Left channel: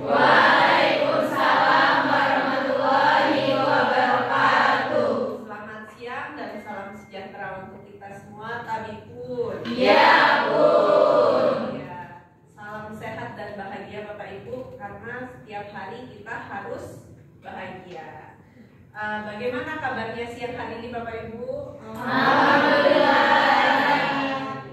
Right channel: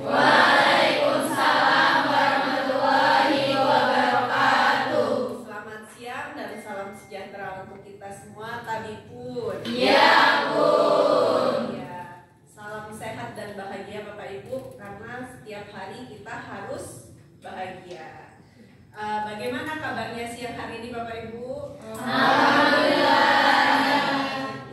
Waalaikumsalam warahmatullahi wabarakatuh. Selamat siang dan salam sejahtera untuk kita semua, Tabipun. Ya, Bun. Ya, salam sehat dan bahagia Bapak Ibu, karena setiap hari kita harus bahagia. Bagaimana kabarnya siang hari ini Bapak Ibu? Alhamdulillah.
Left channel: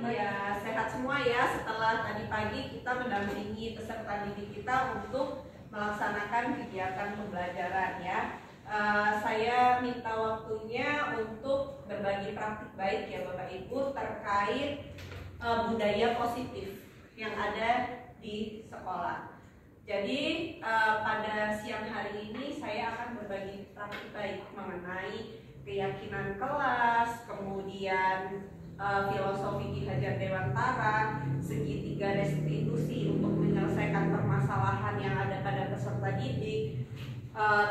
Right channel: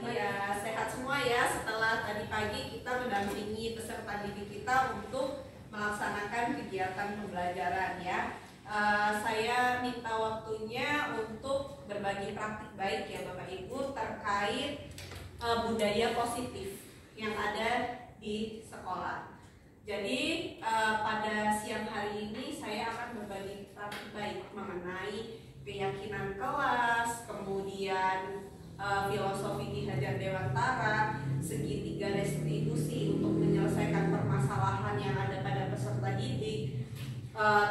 Ya, sehat semua ya. Setelah tadi pagi kita mendampingi peserta didik kita untuk melaksanakan kegiatan pembelajaran ya. Saya minta waktunya untuk berbagi praktik baik ya Bapak Ibu terkait budaya positif yang ada di sekolah. Jadi pada siang hari ini saya akan berbagi praktik baik mengenai keyakinan kelas, kemudian filosofi Ki Hajar Dewantara, segitiga restitusi untuk menyelesaikan permasalahan yang ada pada peserta didik,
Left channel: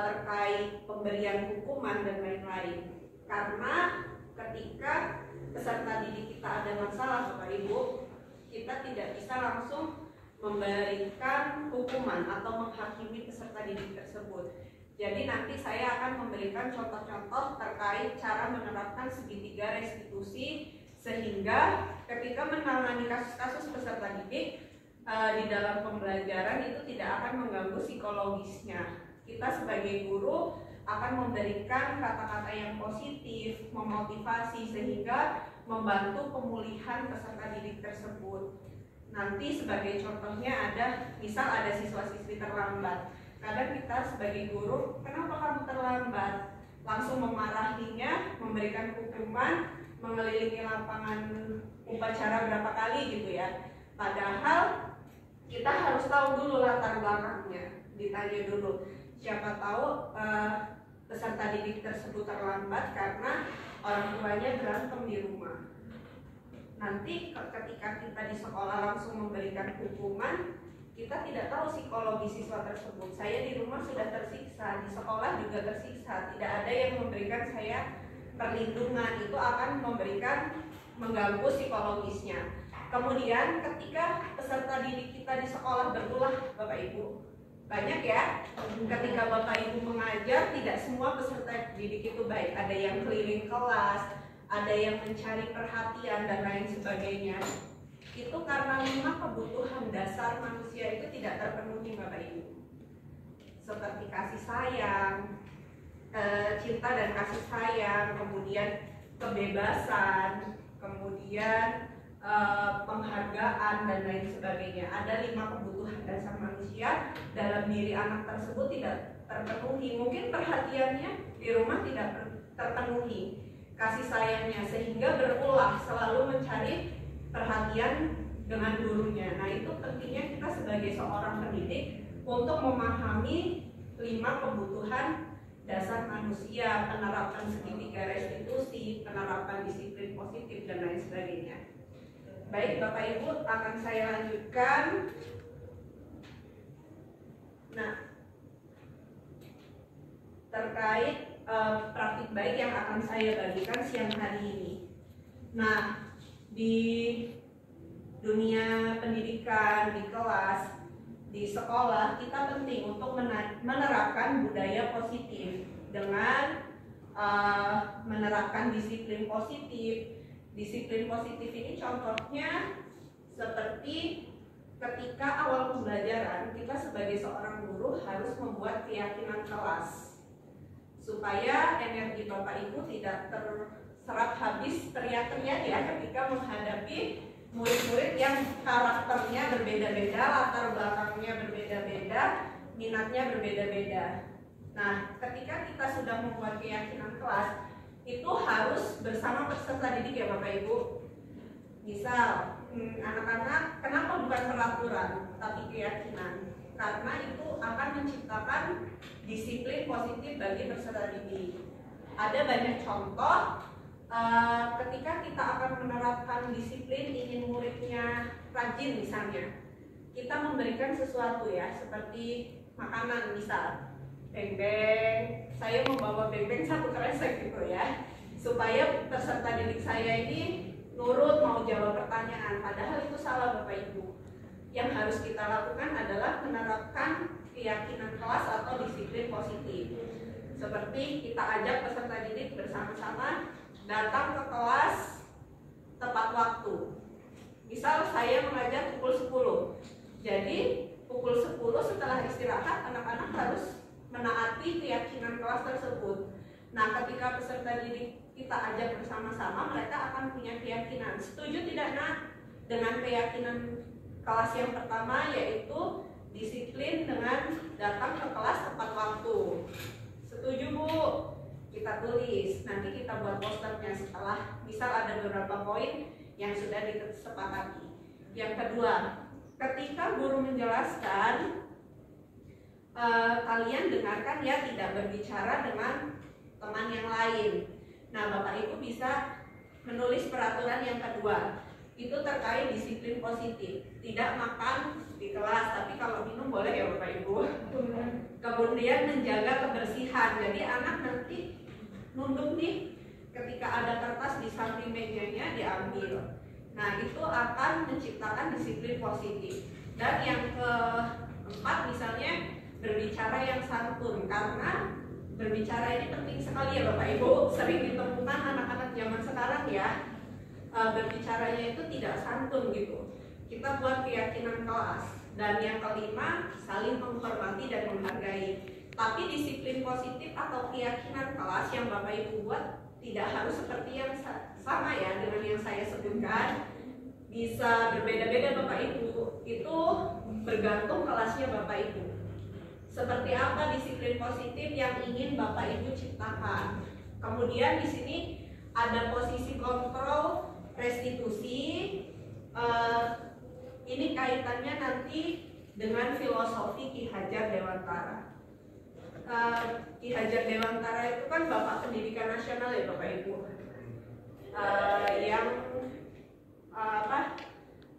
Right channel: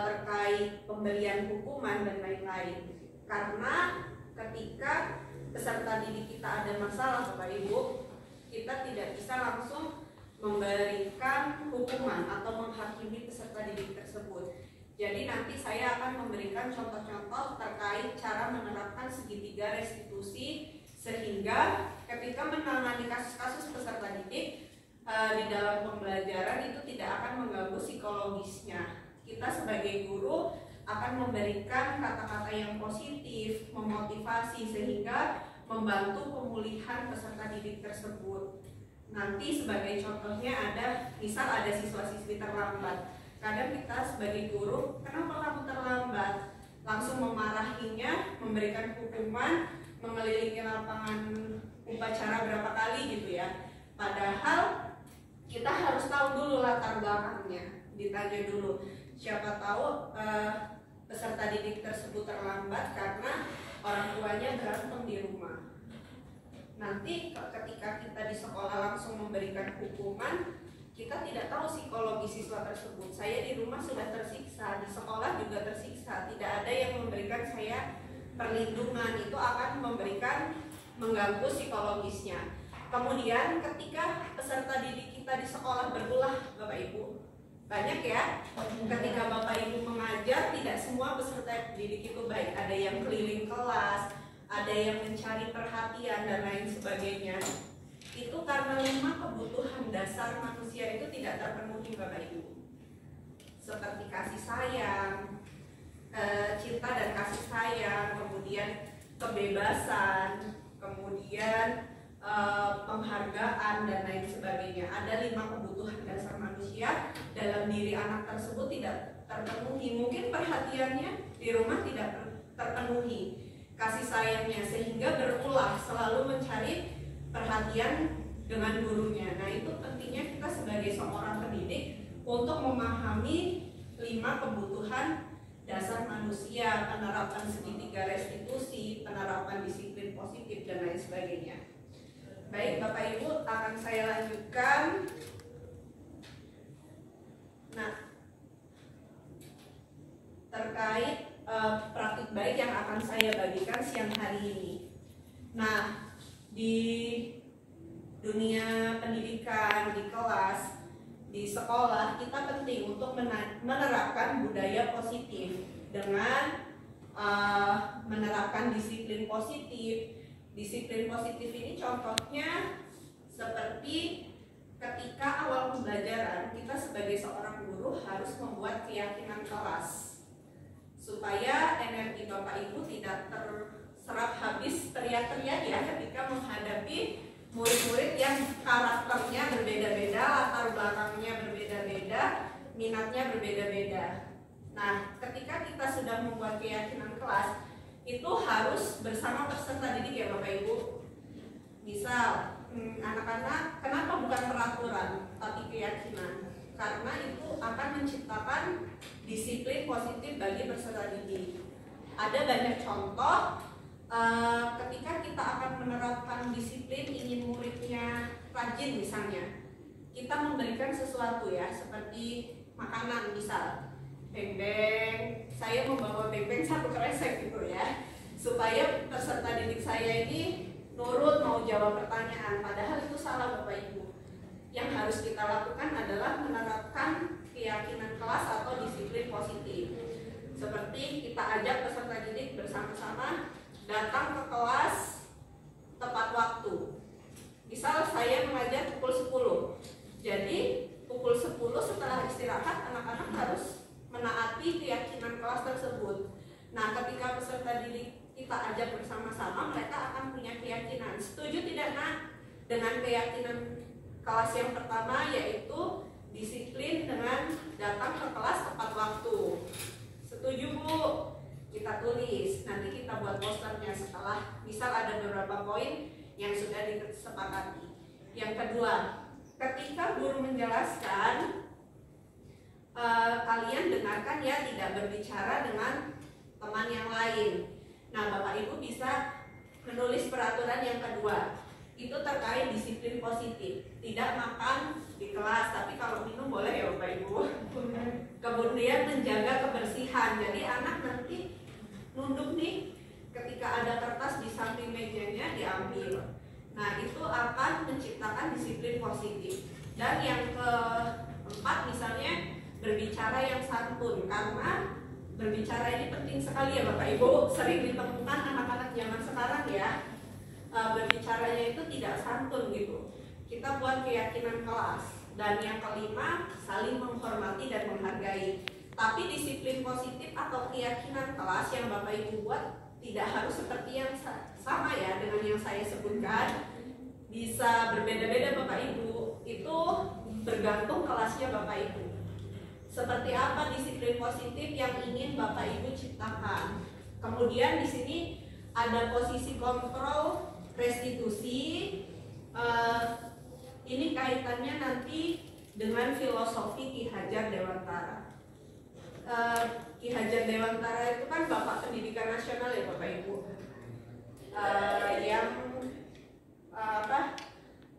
terkait pemberian hukuman dan lain-lain. Karena ketika peserta didik kita ada masalah Bapak Ibu, kita tidak bisa langsung memberikan hukuman atau menghakimi peserta didik tersebut. Jadi nanti saya akan memberikan contoh-contoh terkait cara menerapkan segitiga restitusi sehingga ketika menangani kasus-kasus peserta didik di dalam pembelajaran itu tidak akan mengganggu psikologisnya. Kita sebagai guru akan memberikan kata-kata yang positif, memotivasi sehingga membantu pemulihan peserta didik tersebut. Nanti sebagai contohnya ada, misal ada siswa-siswi terlambat. Kadang kita sebagai guru, kenapa kamu terlambat? Langsung memarahinya, memberikan hukuman, mengelilingi lapangan upacara berapa kali gitu ya. Padahal kita harus tahu dulu latar belakangnya, ditanya dulu. Siapa tahu peserta didik tersebut terlambat karena orang tuanya berantem di rumah. Nanti ketika kita di sekolah langsung memberikan hukuman, kita tidak tahu psikologi siswa tersebut. Saya di rumah sudah tersiksa, di sekolah juga tersiksa, tidak ada yang memberikan saya perlindungan, itu akan mengganggu psikologisnya. Kemudian ketika peserta didik kita di sekolah berulah Bapak Ibu, banyak ya, ketika Bapak Ibu mengajar tidak semua peserta didik itu baik, ada yang keliling kelas, ada yang mencari perhatian dan lain sebagainya. Itu karena 5 kebutuhan dasar manusia itu tidak terpenuhi Bapak Ibu, seperti kasih sayang, cinta dan kasih sayang, kemudian kebebasan, kemudian penghargaan dan lain sebagainya. Ada 5 kebutuhan dasar manusia dalam diri anak tersebut tidak terpenuhi. Mungkin perhatiannya di rumah tidak terpenuhi, kasih sayangnya, sehingga berulah selalu mencari perhatian dengan gurunya. Nah, itu pentingnya kita sebagai seorang pendidik untuk memahami 5 kebutuhan dasar manusia, penerapan segitiga restitusi, penerapan disiplin positif dan lain sebagainya. Baik Bapak Ibu, akan saya lanjutkan. Nah, terkait praktik baik yang akan saya bagikan siang hari ini. Nah, di dunia pendidikan, di kelas, di sekolah, kita penting untuk menerapkan budaya positif dengan menerapkan disiplin positif. Disiplin positif ini contohnya seperti ketika awal pembelajaran, kita sebagai seorang guru harus membuat keyakinan kelas supaya energi Bapak Ibu tidak terserap habis teriak-teriak ya ketika menghadapi murid-murid yang karakternya berbeda-beda, latar belakangnya berbeda-beda, minatnya berbeda-beda. Nah, ketika kita sudah membuat keyakinan kelas, itu harus bersama peserta didik ya Bapak Ibu. Misal, anak-anak kenapa bukan peraturan, tapi keyakinan? Karena itu akan menciptakan disiplin positif bagi peserta didik. Ada banyak contoh ketika kita akan menerapkan disiplin, ingin muridnya rajin misalnya, kita memberikan sesuatu ya, seperti makanan misal, beng-beng, saya membawa beng-beng 1 kresek gitu ya, supaya peserta didik saya ini nurut mau jawab pertanyaan. Padahal itu salah Bapak Ibu. Yang harus kita lakukan adalah menerapkan keyakinan kelas atau disiplin positif. Seperti kita ajak peserta didik bersama-sama datang ke kelas tepat waktu. Misal saya mengajar pukul 10. Jadi pukul 10 setelah istirahat anak-anak harus menaati keyakinan kelas tersebut. Nah, ketika peserta didik kita ajak bersama-sama, mereka akan punya keyakinan. Setuju tidak, Nak? Dengan keyakinan kelas yang pertama, yaitu disiplin dengan datang ke kelas tepat waktu. Setuju, Bu? Kita tulis, nanti kita buat posternya setelah misal ada beberapa poin yang sudah disepakati. Yang kedua, ketika guru menjelaskan, kalian dengarkan ya, tidak berbicara dengan teman yang lain. Nah, Bapak Ibu bisa menulis peraturan yang kedua. Itu terkait disiplin positif. Tidak makan di kelas, tapi kalau minum boleh ya Bapak Ibu. Kemudian menjaga kebersihan. Jadi anak nanti nunduk nih, ketika ada kertas di samping mejanya diambil. Nah, itu akan menciptakan disiplin positif. Dan yang keempat misalnya berbicara yang santun, karena berbicara ini penting sekali ya Bapak Ibu. Sering ditemukan anak-anak zaman sekarang ya, berbicaranya itu tidak santun gitu. Kita buat keyakinan kelas. Dan yang kelima, saling menghormati dan menghargai. Tapi disiplin positif atau keyakinan kelas yang Bapak Ibu buat tidak harus seperti yang sama ya dengan yang saya sebutkan. Bisa berbeda-beda Bapak Ibu. Itu bergantung kelasnya Bapak Ibu. Seperti apa disiplin positif yang ingin Bapak Ibu ciptakan. Kemudian di sini ada posisi kontrol restitusi. Ini kaitannya nanti dengan filosofi Ki Hajar Dewantara. Ki Hajar Dewantara itu kan Bapak Pendidikan Nasional ya Bapak Ibu, yang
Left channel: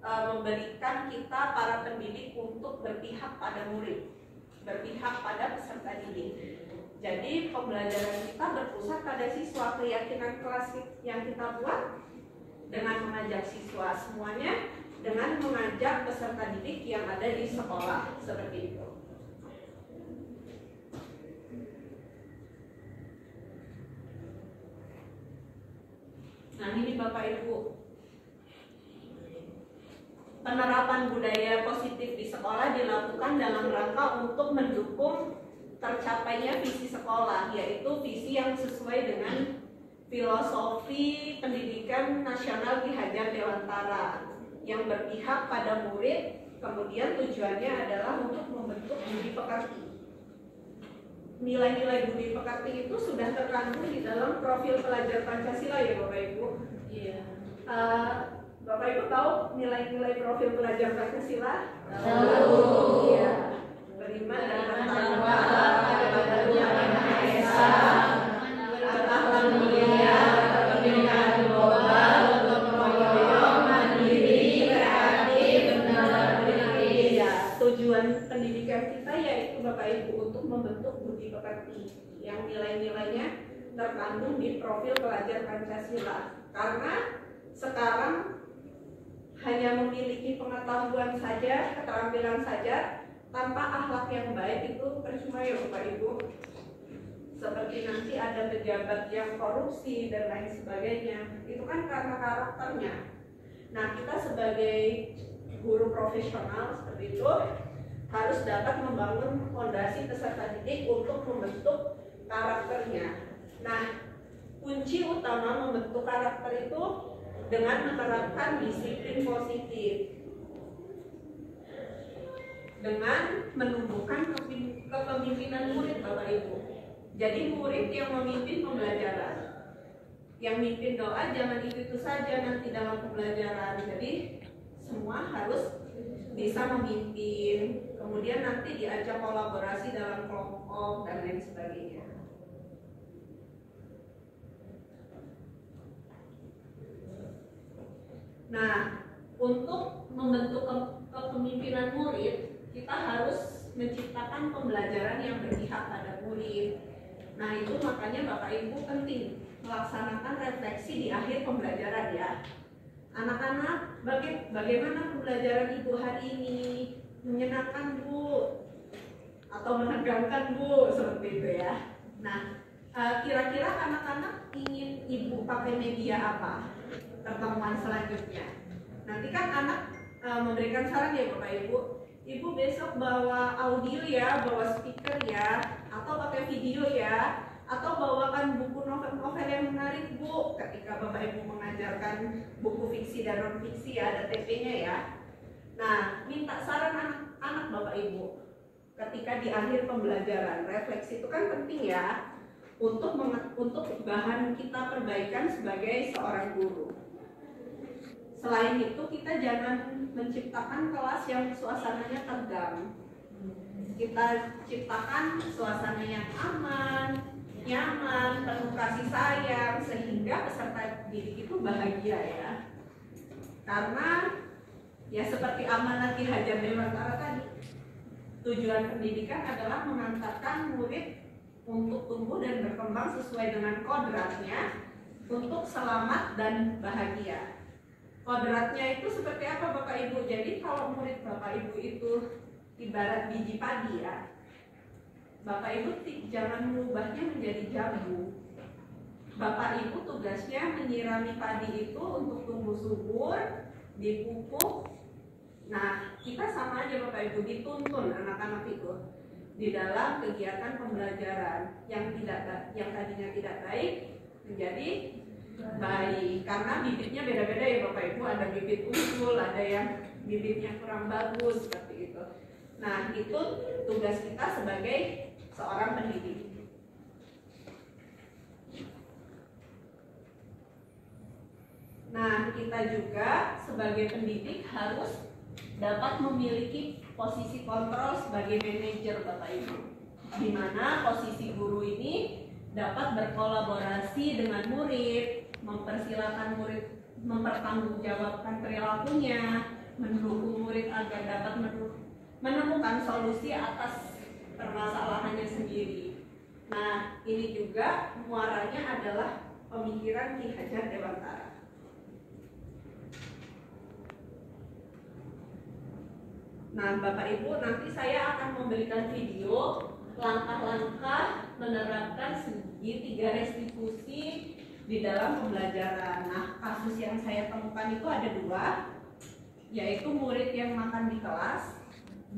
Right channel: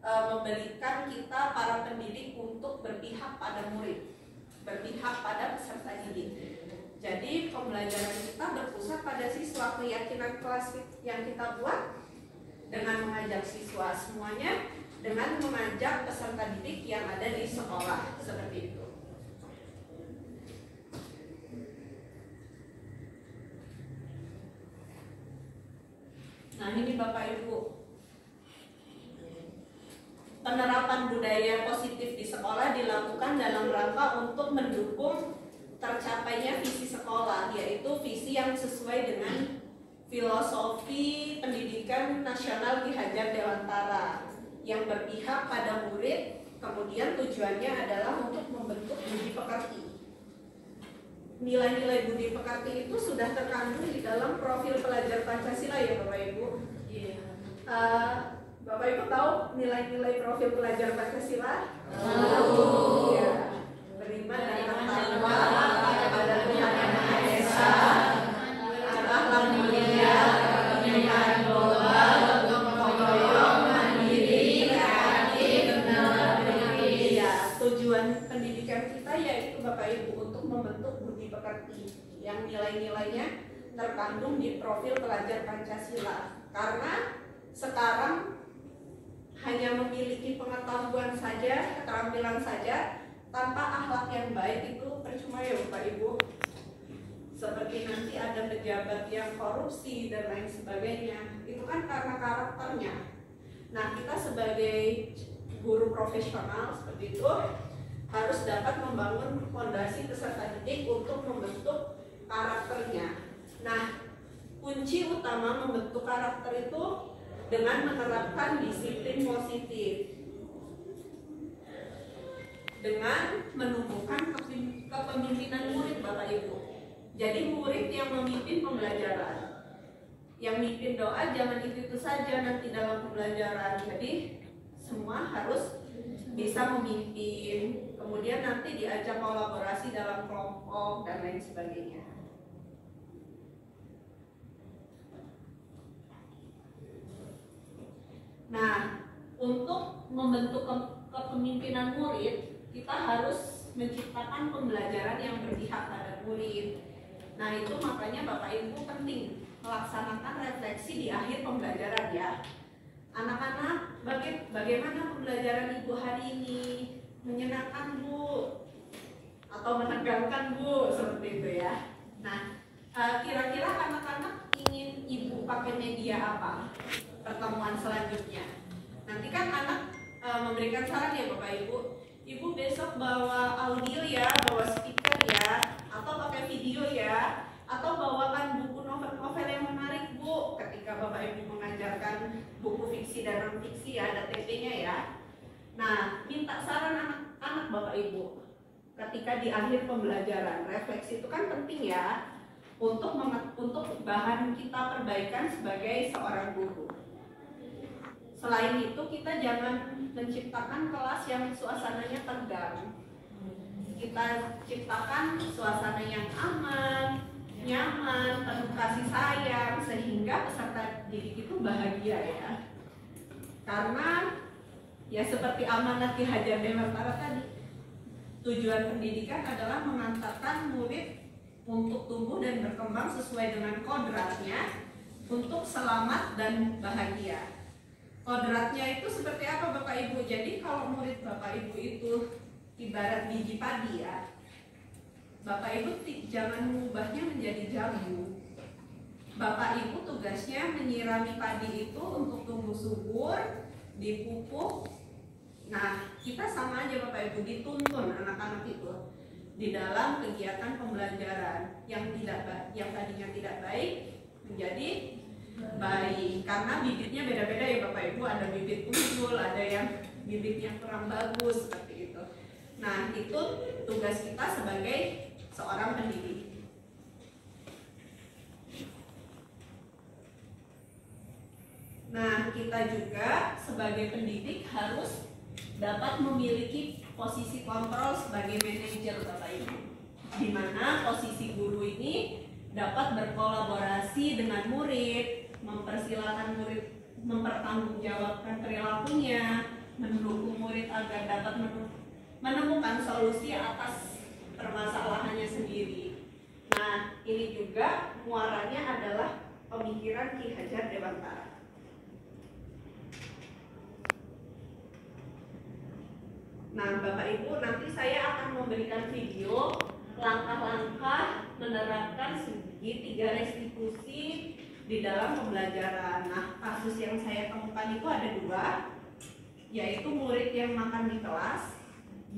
memberikan kita para pendidik untuk berpihak pada murid, berpihak pada peserta didik. Jadi pembelajaran kita berpusat pada siswa. Keyakinan kelas yang kita buat dengan mengajak siswa semuanya, dengan mengajak peserta didik yang ada di sekolah, seperti itu. Nah, ini Bapak Ibu, penerapan budaya positif di sekolah dilakukan dalam rangka untuk mendukung tercapainya visi sekolah, yaitu visi yang sesuai dengan filosofi pendidikan nasional Ki Hajar Dewantara yang berpihak pada murid. Kemudian tujuannya adalah untuk membentuk budi pekerti. Nilai-nilai budi pekerti itu sudah terkandung di dalam profil pelajar Pancasila ya Bapak Ibu. Iya. Bapak Ibu tahu nilai-nilai profil pelajar Pancasila? Tahu. Ya. Beriman dan bertakwa kepada Tuhan Yang Maha Esa, berakhlak mulia, pendidikan global, gotong royong, mandiri, kreatif, benar, berdiri. Ya, tujuan pendidikan kita yaitu Bapak Ibu untuk membentuk budi pekerti yang nilai-nilainya terkandung di profil pelajar Pancasila. Karena sekarang hanya memiliki pengetahuan saja, keterampilan saja, tanpa akhlak yang baik itu percuma ya Bapak Ibu. Seperti nanti ada pejabat yang korupsi dan lain sebagainya, itu kan karena karakternya. Nah, kita sebagai guru profesional seperti itu harus dapat membangun fondasi peserta didik untuk membentuk karakternya. Nah, kunci utama membentuk karakter itu dengan menerapkan disiplin positif, dengan menumbuhkan kepemimpinan murid Bapak Ibu. Jadi murid yang memimpin pembelajaran, yang mimpin doa jangan itu saja nanti dalam pembelajaran. Jadi semua harus bisa memimpin, kemudian nanti diajak kolaborasi dalam kelompok dan lain sebagainya. Nah, untuk membentuk kepemimpinan murid, kita harus menciptakan pembelajaran yang berpihak pada murid. Nah, itu makanya Bapak Ibu penting melaksanakan refleksi di akhir pembelajaran ya. Anak-anak, bagaimana pembelajaran Ibu hari ini? Menyenangkan Bu? atau menegangkan Bu, seperti itu ya. Nah, kira-kira anak-anak ingin Ibu pakai media apa pertemuan selanjutnya? Nanti kan anak memberikan saran ya Bapak Ibu. Ibu besok bawa audio ya, bawa speaker ya, atau pakai video ya, atau bawakan buku novel-novel yang menarik Bu. Ketika Bapak Ibu mengajarkan buku fiksi dan non fiksi ya, ada TP-nya ya. Nah, minta saran anak-anak Bapak Ibu. Ketika di akhir pembelajaran, refleksi itu kan penting ya untuk bahan kita perbaikan sebagai seorang guru. Selain itu, kita jangan menciptakan kelas yang suasananya tegang. Kita ciptakan suasana yang aman, nyaman, penuh kasih sayang, sehingga peserta didik itu bahagia ya. Karena ya seperti amanat Ki Hajar Dewantara tadi, tujuan pendidikan adalah mengantarkan murid untuk tumbuh dan berkembang sesuai dengan kodratnya untuk selamat dan bahagia. Kodratnya itu seperti apa Bapak Ibu? Jadi kalau murid Bapak Ibu itu ibarat biji padi ya, Bapak Ibu jangan mengubahnya menjadi jambu. Bapak Ibu tugasnya menyirami padi itu untuk tumbuh subur, dipupuk. Nah, kita sama aja Bapak Ibu, dituntun anak-anak itu di dalam kegiatan pembelajaran yang tadinya tidak baik menjadi baik, karena bibitnya beda-beda ya Bapak Ibu. Ada bibit unggul, ada yang bibitnya kurang bagus, seperti itu. Nah, itu tugas kita sebagai seorang pendidik. Nah, kita juga sebagai pendidik harus dapat memiliki posisi kontrol sebagai manajer Bapak Ibu, di mana posisi guru ini dapat berkolaborasi dengan murid, mempersilahkan murid mempertanggungjawabkan perilakunya, mendukung murid agar dapat menemukan solusi atas permasalahannya sendiri. Nah, ini juga muaranya adalah pemikiran Ki Hajar Dewantara. Nah, Bapak Ibu, nanti saya akan memberikan video langkah-langkah menerapkan segitiga restitusi di dalam pembelajaran. Nah, kasus yang saya temukan itu ada 2, yaitu murid yang makan di kelas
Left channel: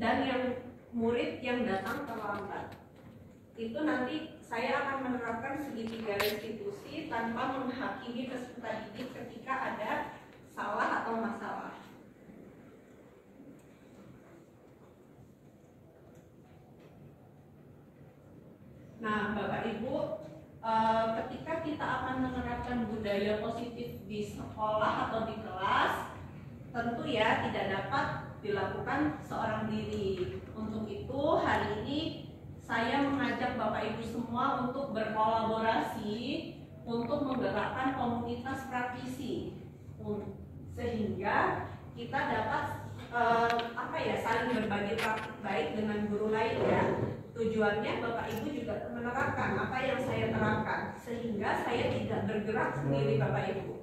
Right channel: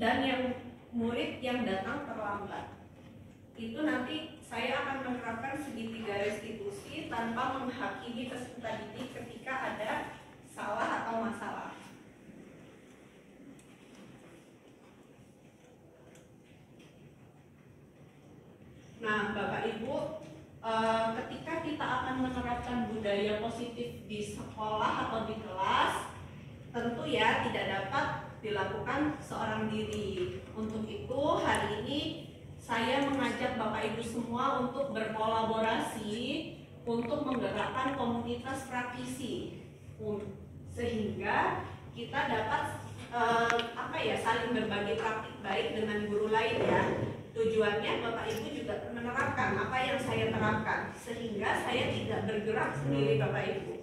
dan yang murid yang datang terlambat. Itu nanti saya akan menerapkan segitiga restitusi tanpa menghakimi peserta didik ketika ada salah atau masalah. Nah, Bapak Ibu, ketika kita akan menerapkan budaya positif di sekolah atau di kelas, tentu ya tidak dapat dilakukan seorang diri. Untuk itu, hari ini saya mengajak Bapak Ibu semua untuk berkolaborasi untuk menggerakkan komunitas praktisi, sehingga kita dapat saling berbagi praktik baik dengan guru lain ya. Tujuannya Bapak Ibu juga menerapkan apa yang saya terapkan, sehingga saya tidak bergerak sendiri Bapak Ibu.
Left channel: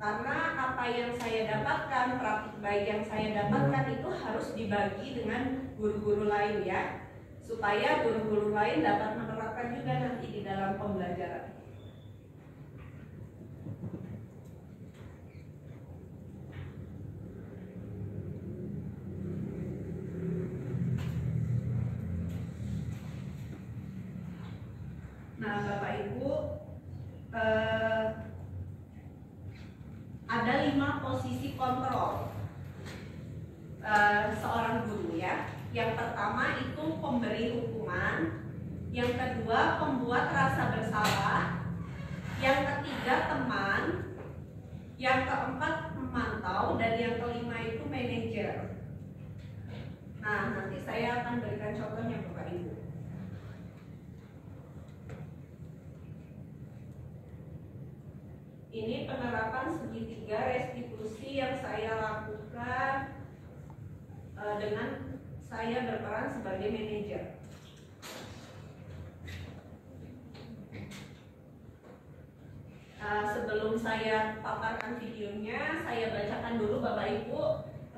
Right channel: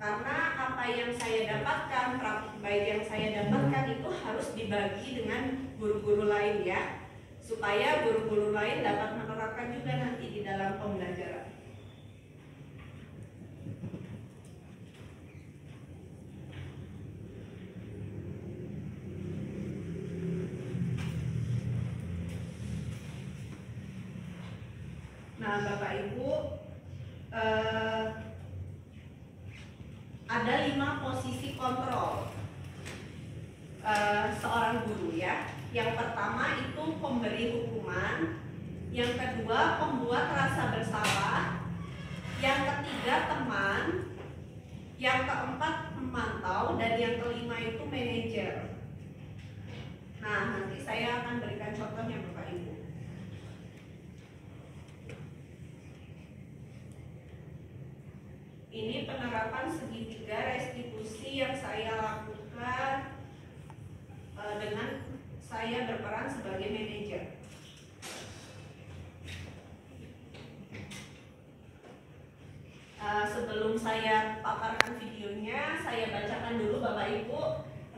Karena apa yang saya dapatkan, praktik baik yang saya dapatkan itu harus dibagi dengan guru-guru lain ya, supaya guru-guru lain dapat menerapkan juga nanti di dalam pembelajaran. Nah, Bapak Ibu, ada 5 posisi kontrol seorang guru ya. Yang pertama itu pemberi hukuman, yang kedua pembuat rasa bersalah, yang ketiga teman, yang keempat memantau, dan yang kelima itu manajer. Nah, nanti saya akan berikan contohnya Bapak Ibu. Ini penerapan segitiga restitusi yang saya lakukan dengan saya berperan sebagai manajer. Sebelum saya paparkan videonya, saya bacakan dulu Bapak Ibu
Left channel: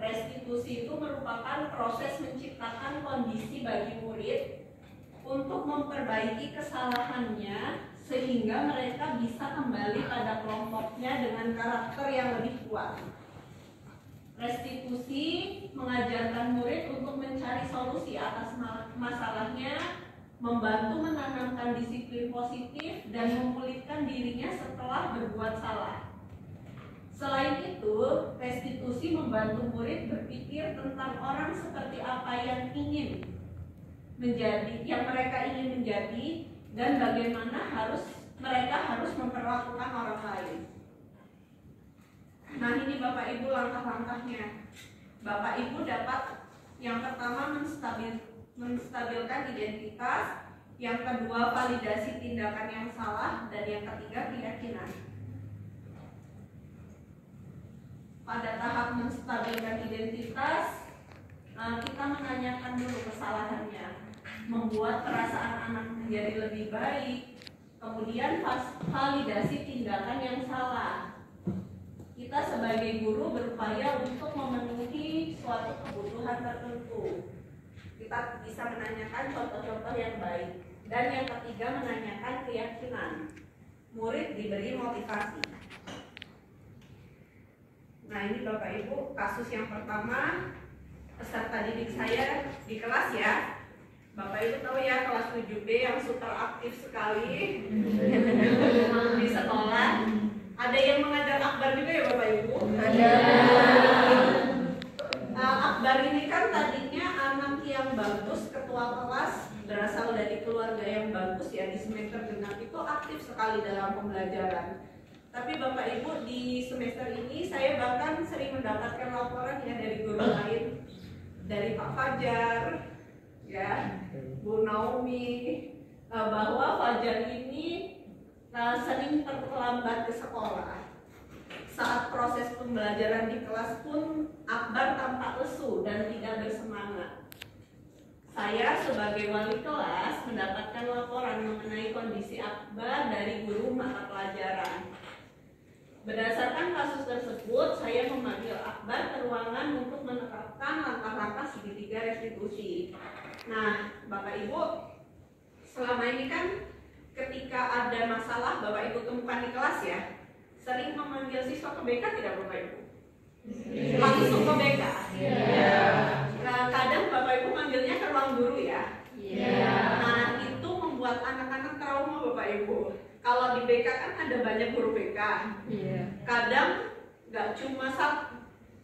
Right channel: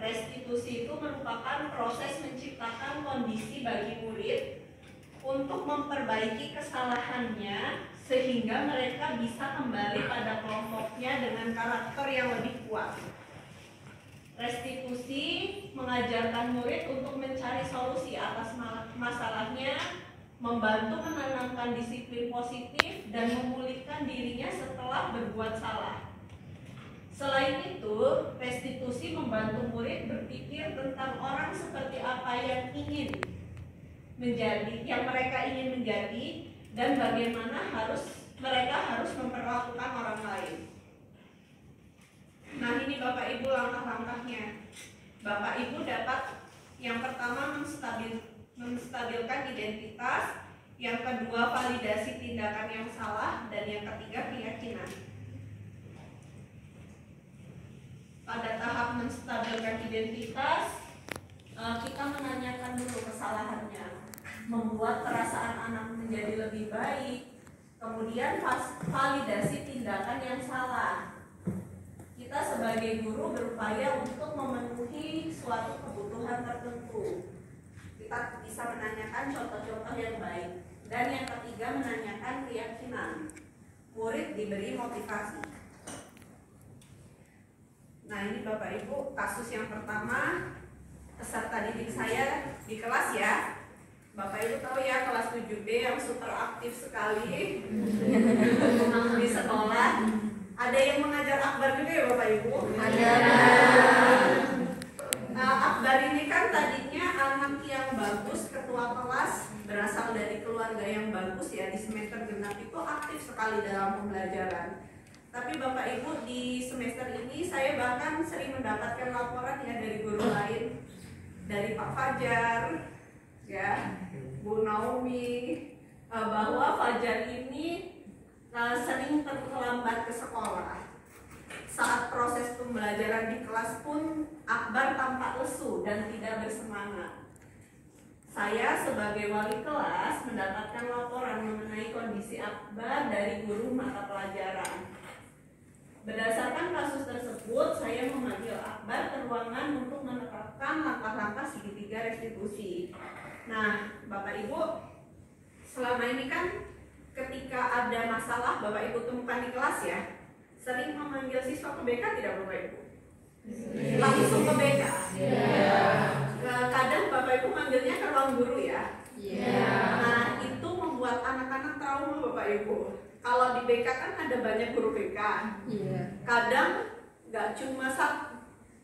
restitusi itu merupakan proses menciptakan kondisi bagi murid untuk memperbaiki kesalahannya sehingga mereka bisa kembali pada kelompoknya dengan karakter yang lebih kuat. Restitusi mengajarkan murid untuk mencari solusi atas masalahnya, membantu menanamkan disiplin positif, dan memulihkan dirinya setelah berbuat salah. Selain itu, restitusi membantu murid berpikir tentang orang seperti apa yang ingin menjadi, yang mereka ingin menjadi, dan bagaimana mereka harus memperlakukan orang lain. Nah, ini Bapak Ibu langkah-langkahnya. Bapak Ibu dapat yang pertama menstabilkan identitas, yang kedua validasi tindakan yang salah, dan yang ketiga keyakinan. Pada tahap menstabilkan identitas, kita menanyakan dulu kesalahannya, membuat perasaan anak menjadi lebih baik, kemudian validasi tindakan yang salah. Kita sebagai guru berupaya untuk memenuhi suatu kebutuhan tertentu. Kita bisa menanyakan contoh-contoh yang baik. Dan yang ketiga menanyakan keyakinan. Murid diberi motivasi. Nah, ini Bapak Ibu kasus yang pertama, peserta didik saya di kelas ya. Bapak Ibu tahu ya, kelas 7B yang super aktif sekali di sekolah. Ada yang mengajar akbar juga ya Bapak Ibu? Ada. Akbar ini kan tadinya anak yang bagus, ketua kelas, berasal dari keluarga yang bagus ya, di semester genap itu aktif sekali dalam pembelajaran. Tapi Bapak Ibu di semester ini saya bahkan sering mendapatkan laporan ya dari guru lain, dari Pak Fajar, ya, Bu Naomi, bahwa Fajar ini sering terlambat ke sekolah. Saat proses pembelajaran di kelas pun Akbar tampak lesu dan tidak bersemangat. Saya sebagai wali kelas mendapatkan laporan mengenai kondisi Akbar dari guru mata pelajaran. Berdasarkan kasus tersebut, saya memanggil Akbar ke ruangan untuk menerapkan langkah-langkah segitiga restitusi. Nah, Bapak Ibu, selama ini kan ketika ada masalah Bapak Ibu temukan di kelas ya, sering memanggil siswa ke BK tidak Bapak Ibu? Langsung ke BK? Nah, kadang Bapak Ibu manggilnya ke ruang guru ya? Nah, itu membuat anak-anak trauma Bapak Ibu. Kalau di BK kan ada banyak guru BK. Kadang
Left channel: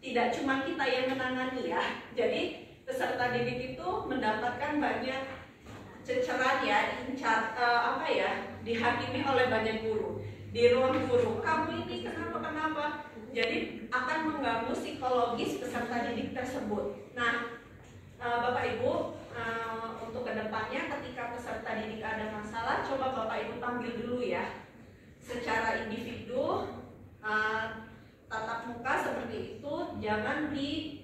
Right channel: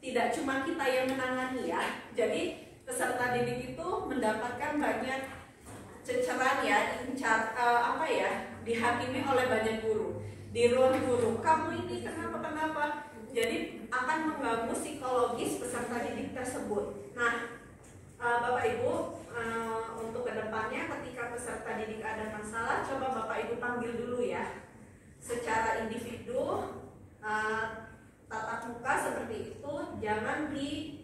tidak cuma kita yang menangani ya. Jadi peserta didik itu mendapatkan banyak ceceran ya, dihakimi oleh banyak guru. Di ruang guru, kamu ini kenapa? Jadi akan mengganggu psikologis peserta didik tersebut. Nah, Bapak Ibu, untuk kedepannya ketika peserta didik ada masalah, coba Bapak Ibu panggil dulu ya, secara individu, tatap muka seperti itu, jangan di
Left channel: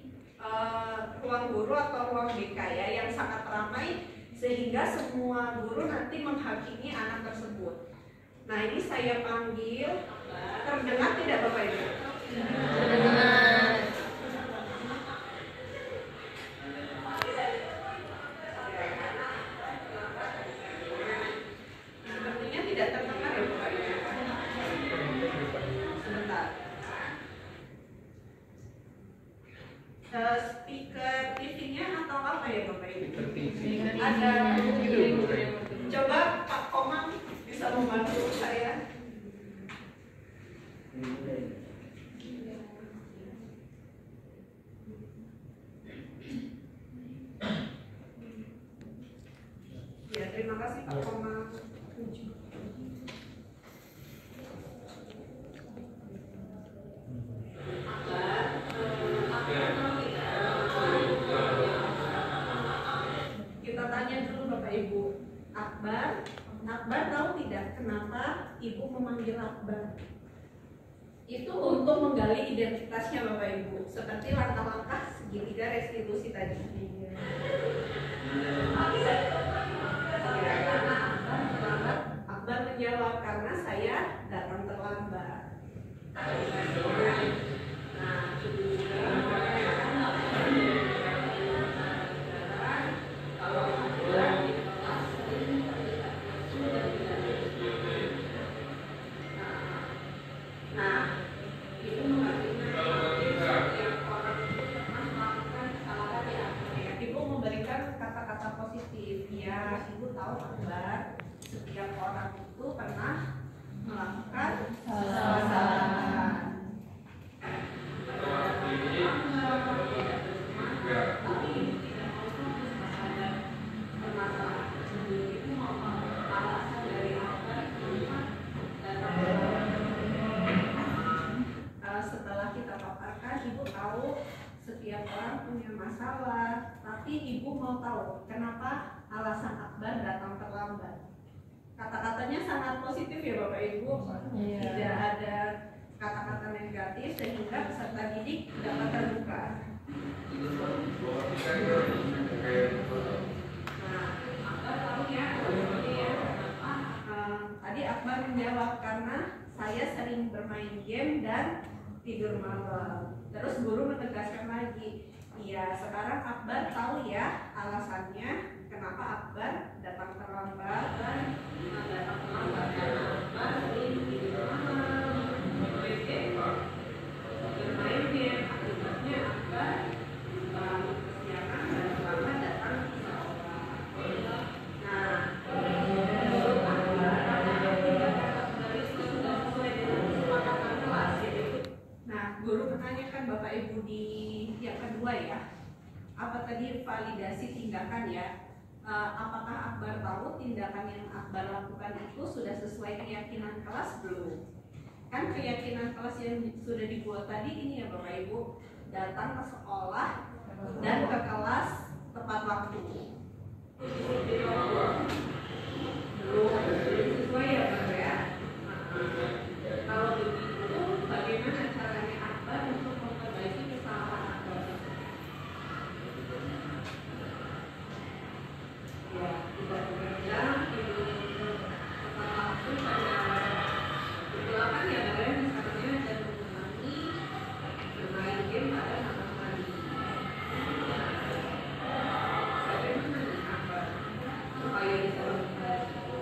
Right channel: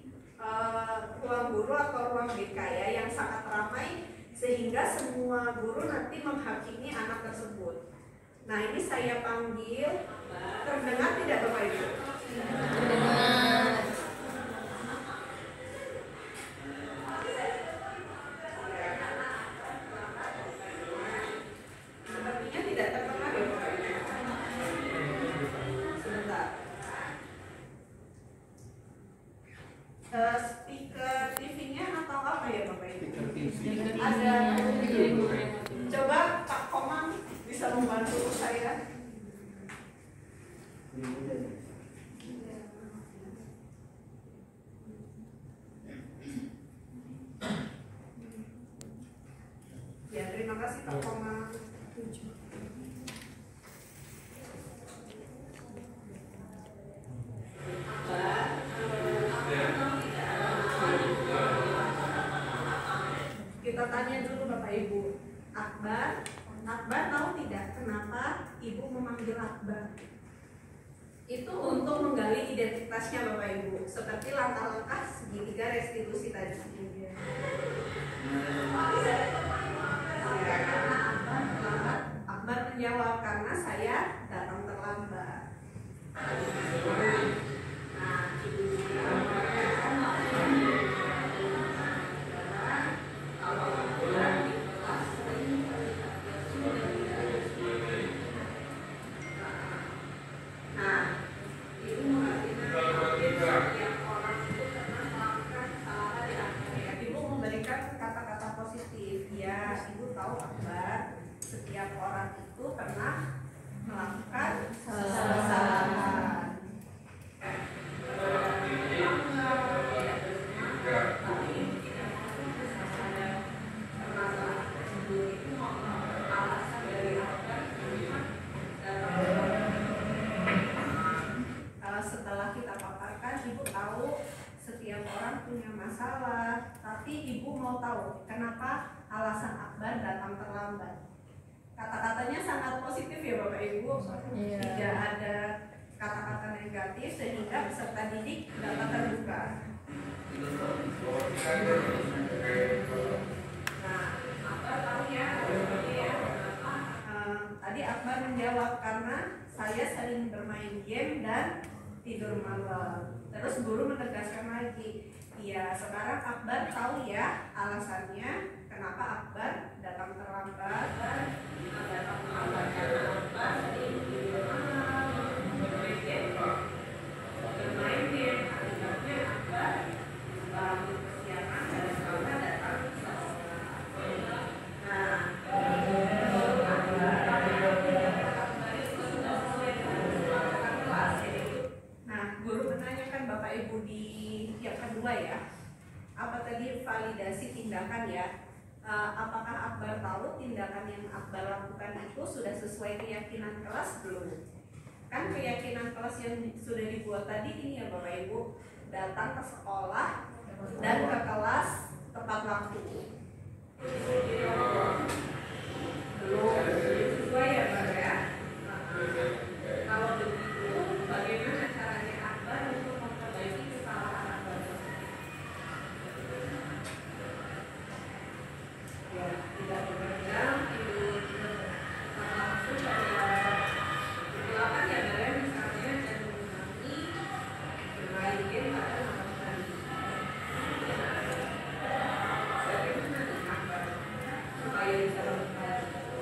ruang guru atau ruang BK ya yang sangat ramai sehingga semua guru nanti menghakimi anak tersebut. Nah, ini saya panggil, terdengar tidak Bapak Ibu? Terdengar. Sepertinya tidak terdengar ya Bapak Ibu. Sebentar. Speaker TV-nya atau apa ya Bapak Ibu? Ada. Coba Pak Komang bisa membantu saya. Ya, terima kasih Pak Komang. Kita tanya dulu Bapak Ibu. Akbar tahu tidak kenapa Ibu memanggil Akbar? Itu untuk menggali identitasnya Bapak Ibu, seperti langkah-langkah segitiga restitusi tadi. Akbar menjawab, karena saya datang terlambat. Nah, orang itu pernah melakukan kesalahan. Setelah kita paparkan, ibu tahu setiap orang punya masalah, tapi ibu mau tahu kenapa alasan Akbar datang terlambat. Kata-katanya sangat positif ya Bapak Ibu, tidak ada kata-kata negatif sehingga peserta didik dapat terbuka. Nah, Akbar tahu ya, tadi Akbar menjawab karena saya sering bermain game dan tidur malam. Terus guru menegaskan lagi, iya sekarang Akbar tahu ya alasannya kenapa Akbar datang terlambat dan datang terlambat karena Akbar sering tidur malam, bermain game, akibatnya Akbar bangun kesiangan dan selamat datang ke sekolah. Nah, guru menanyakan Bapak Ibu di yang kedua ya, apa tadi validasi tindakan ya? Apakah Akbar tahu tindakan yang Akbar lakukan itu sudah sesuai keyakinan kelas belum? Kan keyakinan kelas yang sudah dibuat tadi ini ya Bapak Ibu, datang ke sekolah dan ke kelas tepat waktu. Belum sesuai ya Pak ya? Kalau begitu bagaimana caranya Akbar untuk memperbaiki kesalahan Akbar tersebut? Ya, tidak bekerja, tidur langsung pada itulah kan ya kalian misalnya dan mengulangi bermain game pada malam hari. Bagaimana nih Akbar supaya bisa memperbaiki?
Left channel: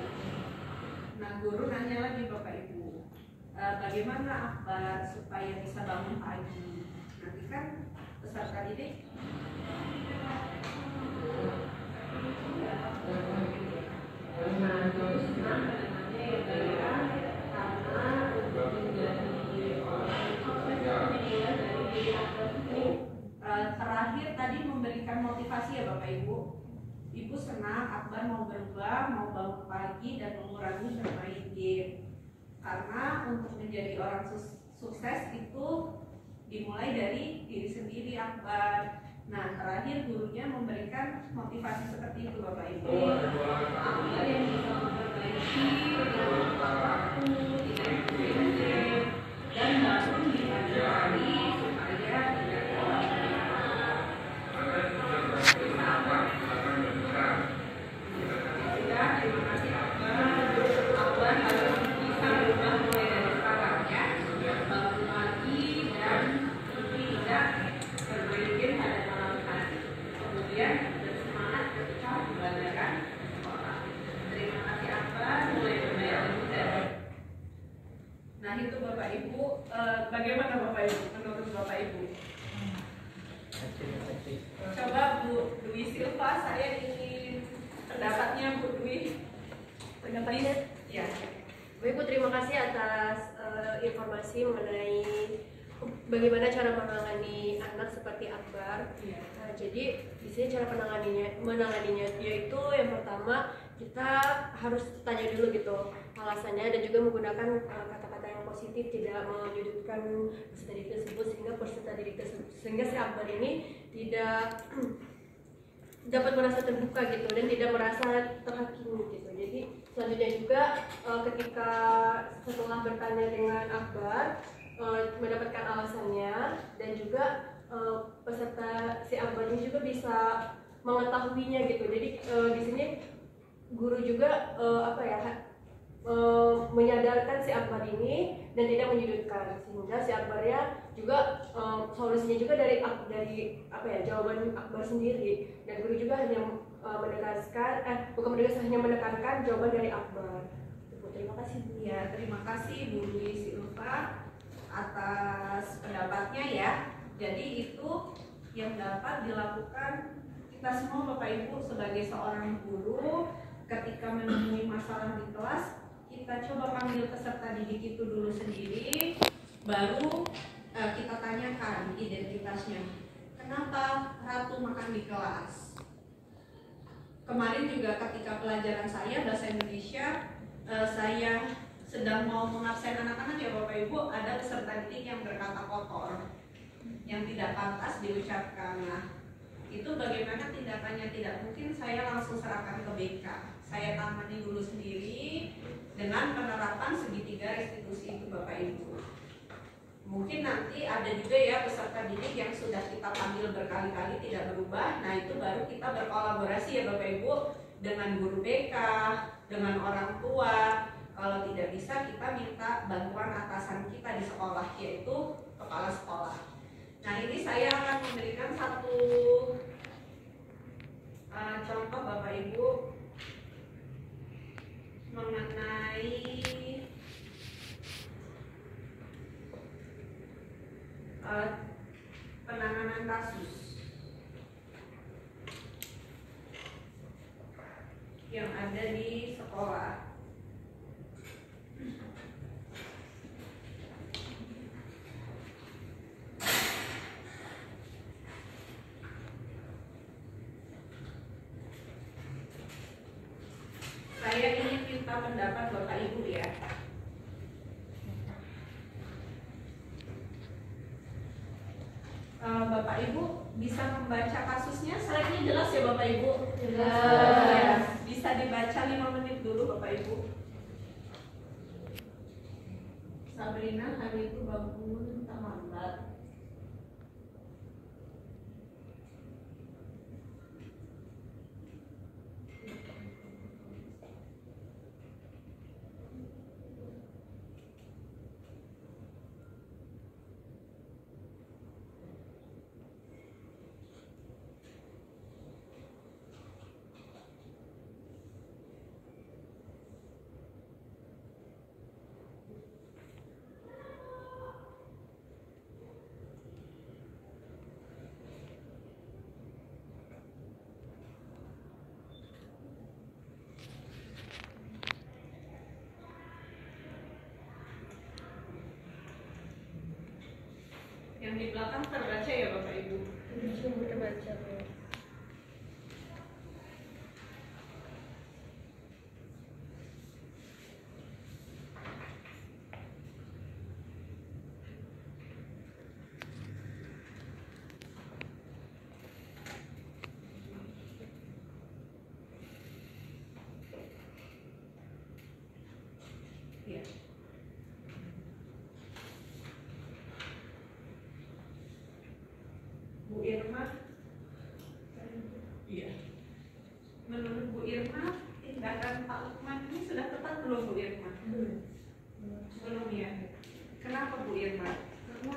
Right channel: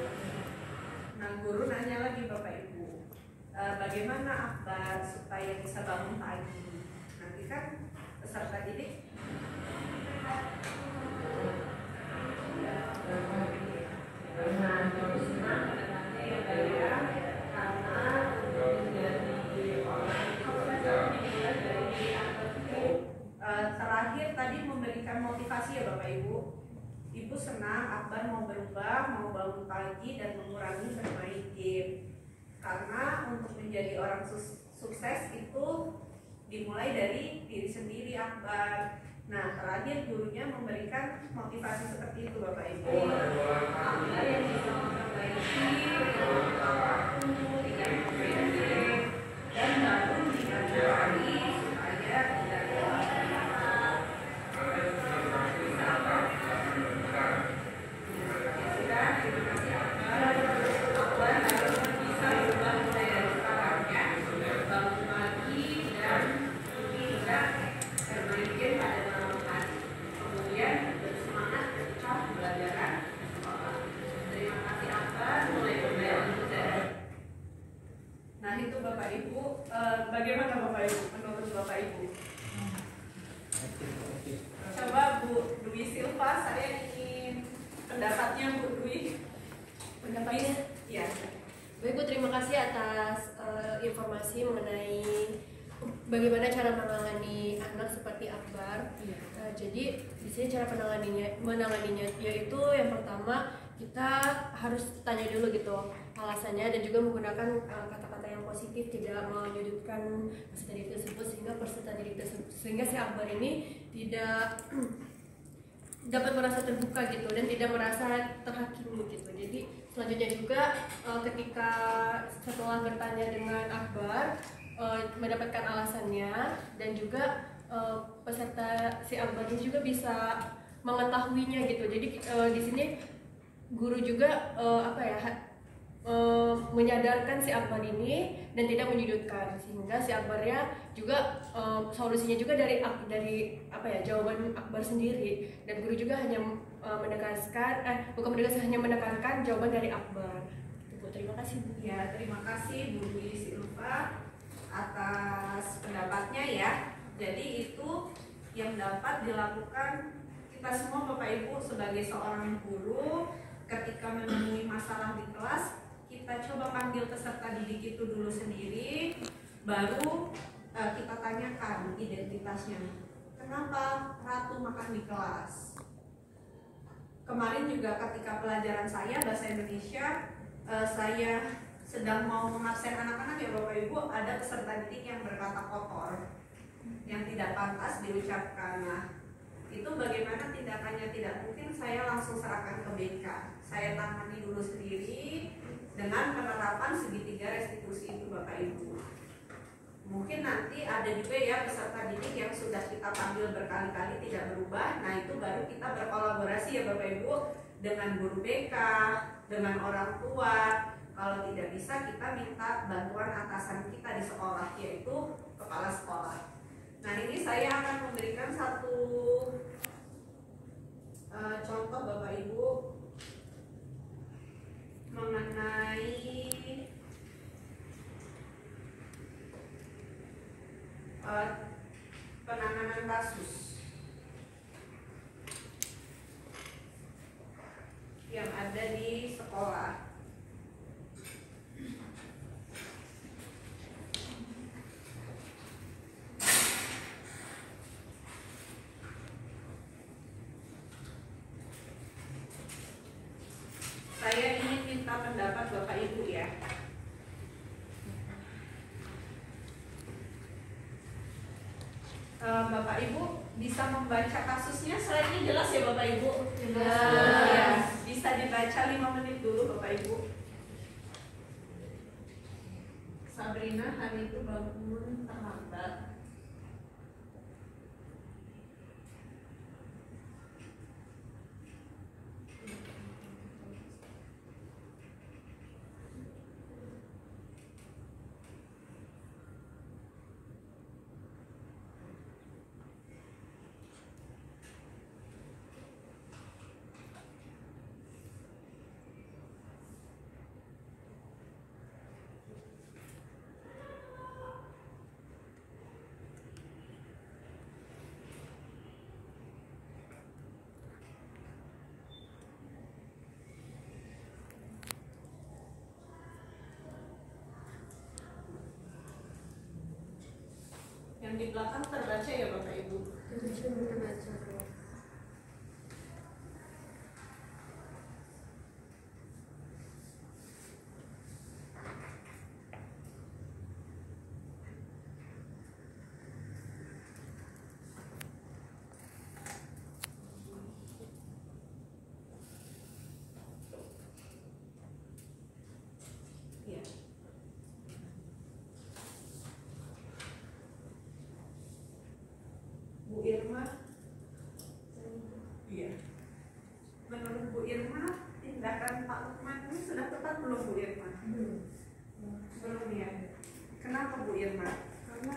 Nah, guru nanya lagi Bapak Ibu, bagaimana Akbar supaya bisa bangun pagi? Nanti kan peserta didik terakhir tadi memberikan motivasi ya Bapak Ibu. Ibu senang Akbar mau berubah, mau bangun pagi dan mengurangi bermain game. Karena untuk menjadi orang sukses itu dimulai dari diri sendiri Akbar. Nah, terakhir gurunya memberikan motivasi seperti itu Bapak Ibu. Akbar yang bisa memperbaiki perilaku, tidak bermain game, dan bangun di pagi hari supaya tidak terima kasih Akbar harus bisa berubah mulai dari sekarang ya, bangun pagi dan tidak bermain game pada malam hari, kemudian bersemangat ketika pembelajaran sekolah. Terima kasih Akbar mulai bermain mudah. Nah itu Bapak Ibu, bagaimana Bapak Ibu menurut Bapak Ibu? Coba Bu Dwi Silva, saya ingin pendapatnya Bu Dwi. Pendapatnya? Ya. Bu Ibu, terima kasih atas informasi mengenai bagaimana cara menangani anak seperti Akbar. Ya. Nah, jadi di sini cara menanganinya yaitu yang pertama kita harus tanya dulu gitu alasannya dan juga menggunakan kata-kata yang positif, tidak menyudutkan peserta didik tersebut sehingga si Akbar ini tidak dapat merasa terbuka gitu dan tidak merasa terhakimi gitu. Jadi selanjutnya juga ketika setelah bertanya dengan Akbar mendapatkan alasannya dan juga peserta si Akbar ini juga bisa mengetahuinya gitu. Jadi di sini guru juga menyadarkan si Akbar ini dan tidak menyudutkan, sehingga si Akbarnya juga solusinya juga dari jawaban Akbar sendiri, dan guru juga hanya hanya menekankan jawaban dari Akbar. Bu, terima kasih Bu. Ya, terima kasih Bu Dwi Silva atas pendapatnya ya. Jadi itu yang dapat dilakukan kita semua Bapak Ibu sebagai seorang guru ketika menemui masalah di kelas, kita coba panggil peserta didik itu dulu sendiri, baru kita tanyakan identitasnya. Kenapa Ratu makan di kelas? Kemarin juga ketika pelajaran saya bahasa Indonesia, saya sedang mau mengabsen anak-anak ya Bapak Ibu, ada peserta didik yang berkata kotor, yang tidak pantas diucapkan. Nah, itu bagaimana tindakannya? Tidak mungkin saya langsung serahkan ke BK. Saya tangani dulu sendiri dengan penerapan segitiga restitusi itu Bapak Ibu. Mungkin nanti ada juga ya peserta didik yang sudah kita panggil berkali-kali tidak berubah. Nah, itu baru kita berkolaborasi ya Bapak Ibu dengan guru BK, dengan orang tua. Kalau tidak bisa, kita minta bantuan atasan kita di sekolah, yaitu kepala sekolah. Nah, ini saya akan memberikan satu contoh Bapak Ibu mengenai penanganan kasus yang ada di sekolah. Saya ingin minta pendapat Bapak Ibu ya. Bapak Ibu bisa membaca kasusnya, slide-nya jelas ya Bapak Ibu? Jelas. Bisa dibaca 5 menit dulu Bapak Ibu. Sabrina hari itu bangun terlambat. Yang di belakang terbaca ya Bapak Ibu? Terbaca. Iya. Bu Irma, iya. Menurut Bu Irma, tindakan Pak Lukman ini sudah tepat belum Bu Irma? Belum ya. Kenapa Bu Irma? Karena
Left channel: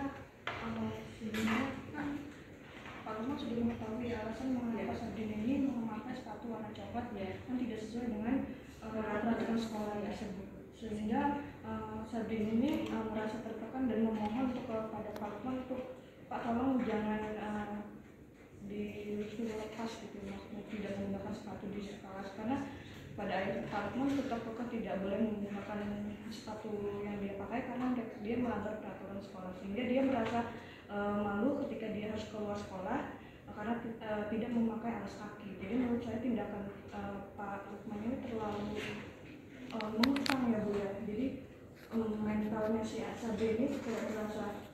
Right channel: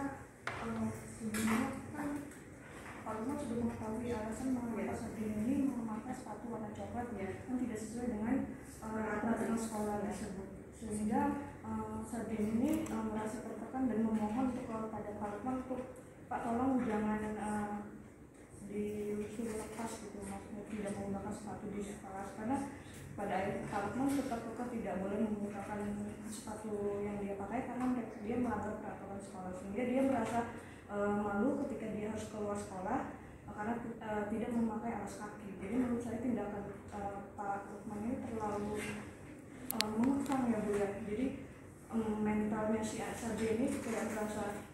sebelumnya kan Pak Lukman sudah mengetahui alasan mengapa Sabrina ini memakai sepatu warna coklat yang tidak sesuai dengan peraturan sekolah tersebut, sehingga Sabrina ini merasa tertekan dan memohon untuk kepada Pak Lukman untuk Pak tolong jangan disuruh lepas gitu, maksudnya tidak menggunakan sepatu di kelas, karena pada akhirnya Pak Lukman tetap kekeh tidak boleh menggunakan sepatu yang dia pakai karena dia melanggar peraturan sekolah, sehingga dia merasa malu ketika dia harus keluar sekolah karena tidak memakai alas kaki. Jadi menurut saya tindakan Pak Lukman ini terlalu mengekang ya Bu ya. Jadi mentalnya si Sabrina ini kayak merasa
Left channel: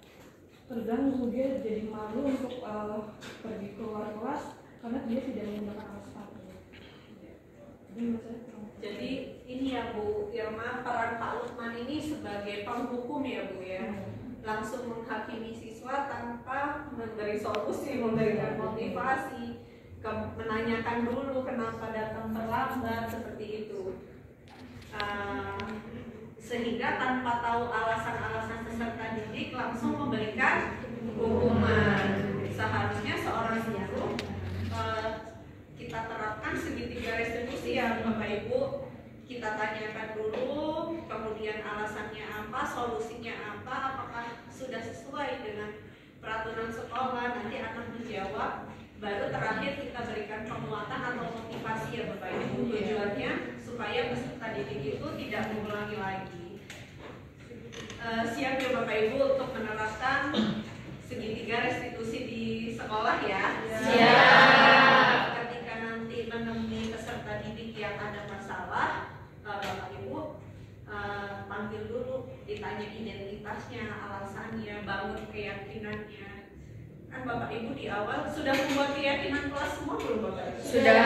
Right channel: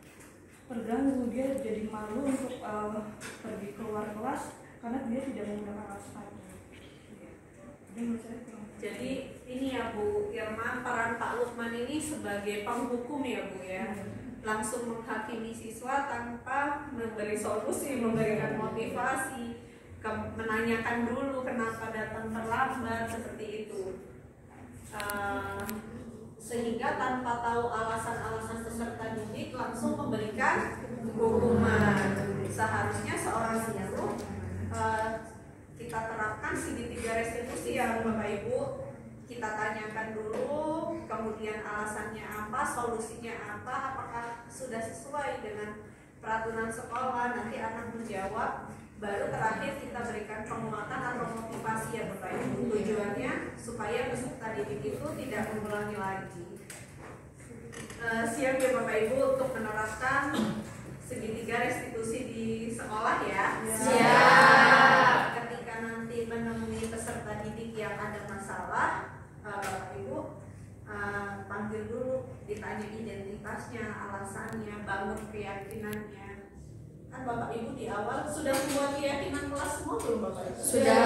terganggu, dia jadi malu untuk pergi keluar kelas karena dia tidak menggunakan alas kaki. Jadi menurut saya Jadi ini ya Bu Irma, peran Pak Lukman ini sebagai penghukum ya Bu ya, langsung menghakimi siswa tanpa memberi solusi, memberikan motivasi, menanyakan dulu kenapa datang terlambat seperti itu, sehingga tanpa tahu alasan-alasan peserta didik langsung memberikan hukuman. Seharusnya seorang guru kita terapkan segitiga restitusi ya Bapak Ibu. Kita tanyakan dulu, kemudian alasannya apa, solusinya apa, apakah sudah sesuai dengan peraturan sekolah. Nanti anak menjawab, baru terakhir kita berikan penguatan atau motivasi ya Bapak Ibu. Tujuannya supaya peserta didik itu tidak mengulangi lagi siap ya Bapak Ibu untuk menerapkan segitiga restitusi di sekolah ya. Siap. Ketika nanti menemui peserta didik yang ada masalah, Bapak Ibu panggil dulu, ditanya identitasnya, alasannya, bangun keyakinannya. Kan Bapak Ibu di awal sudah membuat keyakinan kelas semua belum Bapak Ibu? Sudah.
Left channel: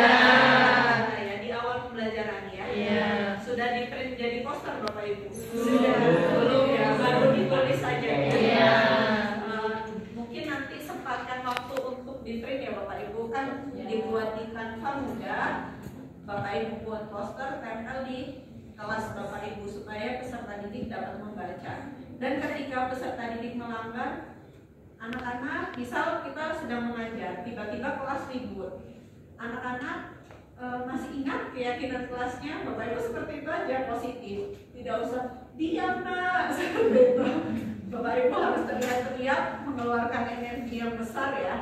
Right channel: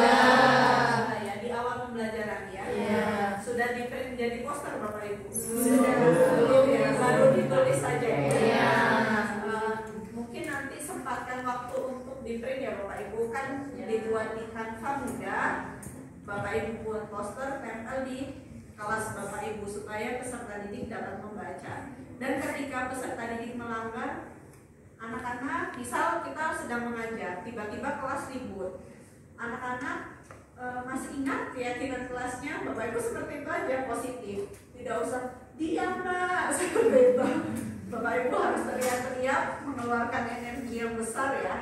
Nah, ya di awal pembelajaran ya. Iya. Sudah di print jadi poster Bapak Ibu? Sudah. Belum ya, baru ditulis saja ya. Iya. Mungkin nanti sempatkan waktu untuk di print ya Bapak Ibu, kan dibuat di Canva mudah. Bapak Ibu buat poster, tempel di kelas Bapak Ibu supaya peserta didik dapat membaca. Dan ketika peserta didik melanggar, anak-anak misal kita sedang mengajar, tiba-tiba kelas ribut, anak-anak masih ingat keyakinan kelasnya, Bapak Ibu seperti itu aja, positif, tidak usah diam nak, seperti itu. Bapak Ibu harus teriak-teriak, mengeluarkan energi yang besar ya.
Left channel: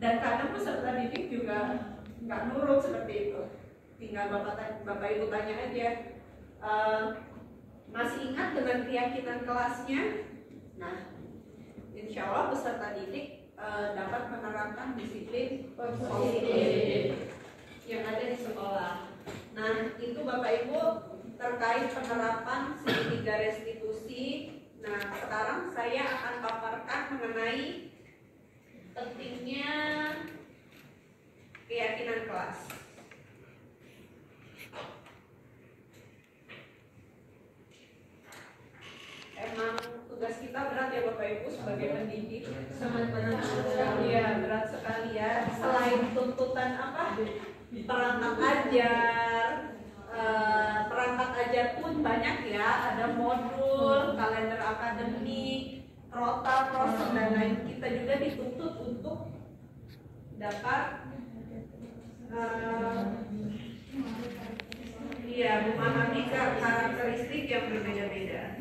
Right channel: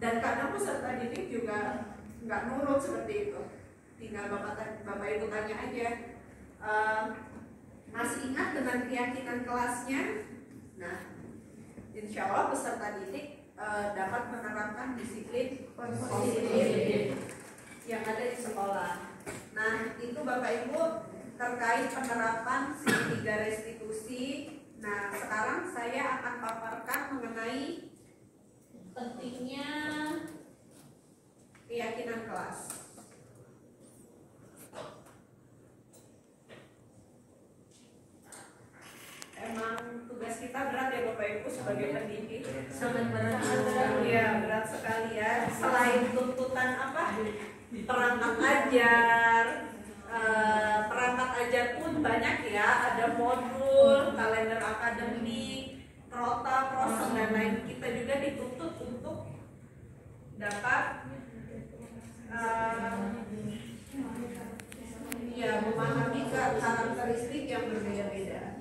Dan kadang peserta didik juga nggak nurut seperti itu. Tinggal Bapak Ibu tanya aja, masih ingat dengan keyakinan kelasnya? Nah, insya Allah peserta didik dapat menerapkan disiplin positif yang ada di sekolah. Nah, itu Bapak Ibu terkait penerapan segitiga restitusi. Nah, sekarang saya akan paparkan mengenai pentingnya keyakinan kelas. Emang tugas kita berat ya Bapak Ibu sebagai pendidik. Sangat berat. Iya, berat sekali ya. Selain tuntutan apa? Perangkat ajar, perangkat ajar pun banyak ya. Ada modul, kalender akademik, rota, prosen dan lain. Kita juga dituntut untuk dapat memahami karakteristik yang berbeda-beda.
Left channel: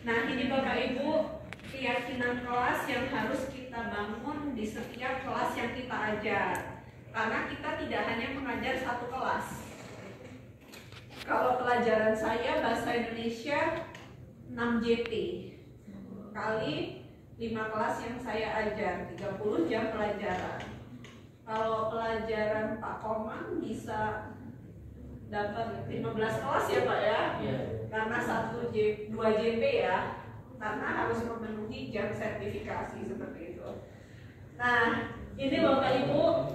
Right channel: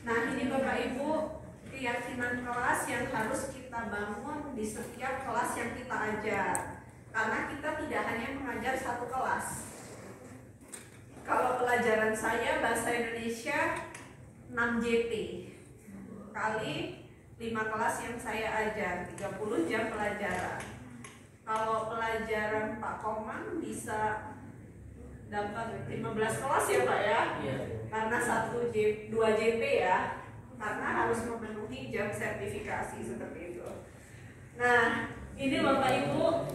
Nah, ini Bapak Ibu keyakinan kelas yang harus kita bangun di setiap kelas yang kita ajar. Karena kita tidak hanya mengajar satu kelas. Kalau pelajaran saya bahasa Indonesia 6 JT kali 5 kelas yang saya ajar, 30 jam pelajaran. Kalau pelajaran Pak Komang bisa dapat 15 kelas ya Pak ya? Karena 2 JP ya, karena harus memenuhi jam sertifikasi seperti itu. Nah, ini Bapak Ibu,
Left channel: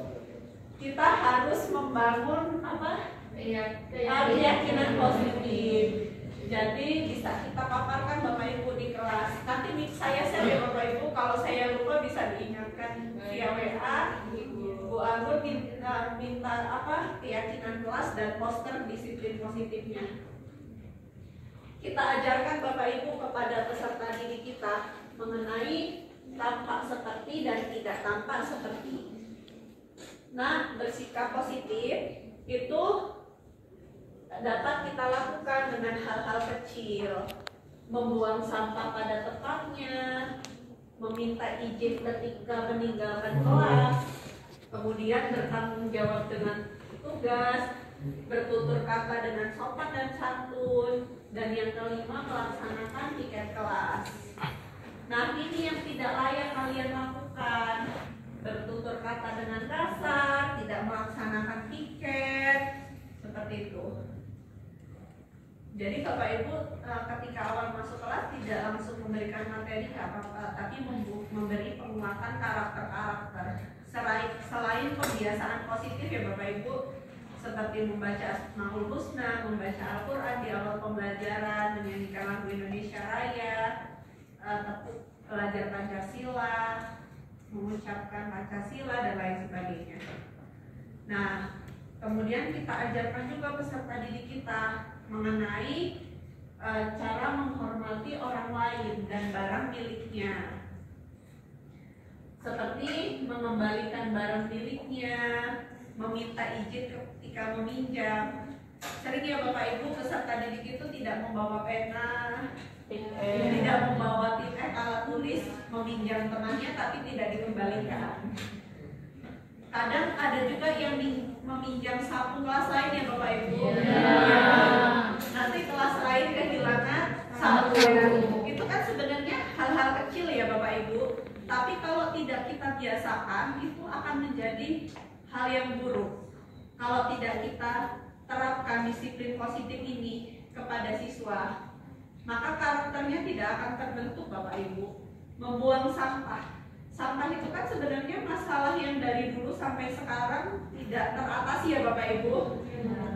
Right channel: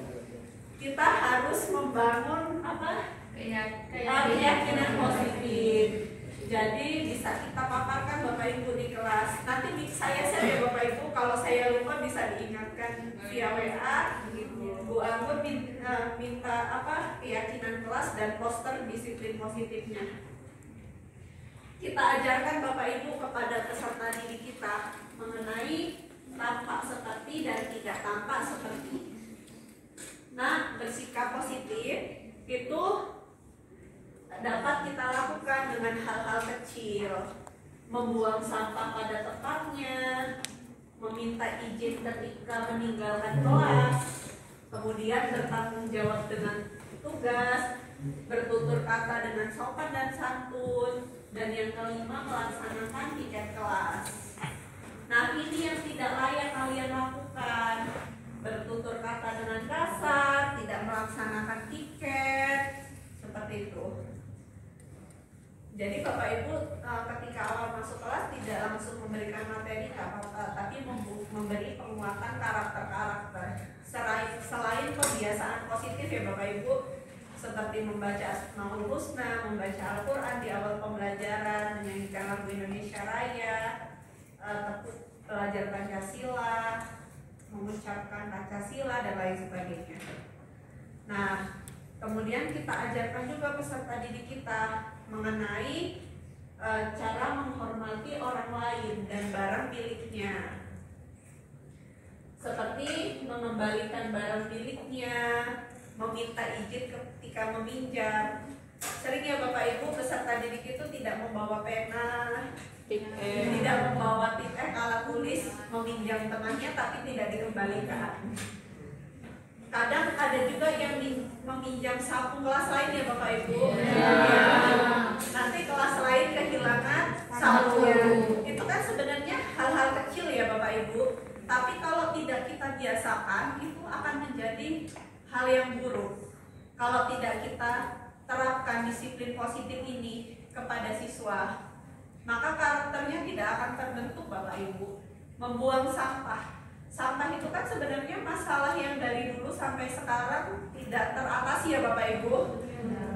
kita harus membangun apa? Keyakinan positif. Jadi bisa kita paparkan Bapak Ibu di kelas. Nanti saya share ya Bapak Ibu, kalau saya lupa bisa diingatkan via WA. Bu Anggun minta apa? Keyakinan kelas dan poster disiplin positifnya. Kita ajarkan Bapak Ibu kepada peserta didik kita mengenai tampak seperti dan tidak tampak seperti. Nah, bersikap positif itu dapat kita lakukan dengan hal-hal kecil, membuang sampah pada tempatnya, meminta izin ketika meninggalkan kelas, kemudian bertanggung jawab dengan tugas, bertutur kata dengan sopan dan santun, dan yang kelima melaksanakan tiket kelas. Nah, ini yang tidak layak kalian lakukan, bertutur kata dengan kasar, tidak melaksanakan tiket, seperti itu. Jadi Bapak Ibu ketika awal masuk kelas tidak langsung memberikan materi nggak apa-apa, tapi memberi penguatan karakter-karakter. Selain kebiasaan positif ya Bapak Ibu, seperti membaca Asmaul Husna, membaca Al-Quran di awal pembelajaran, menyanyikan lagu Indonesia Raya, belajar Pancasila, mengucapkan Pancasila dan lain sebagainya. Nah, kemudian kita ajarkan juga peserta didik kita mengenai cara menghormati orang lain dan barang miliknya, seperti mengembalikan barang miliknya, meminta izin ketika meminjam. Sering ya Bapak Ibu peserta didik itu tidak membawa pena, tidak membawa tiket alat tulis, meminjam temannya tapi tidak dikembalikan. Kadang ada juga yang meminjam sapu kelas lain ya Bapak Ibu. Nanti kelas lain kalau tidak kita terapkan disiplin positif ini kepada siswa, maka karakternya tidak akan terbentuk Bapak Ibu. Membuang sampah. Sampah itu kan sebenarnya masalah yang dari dulu sampai sekarang tidak teratasi ya Bapak Ibu.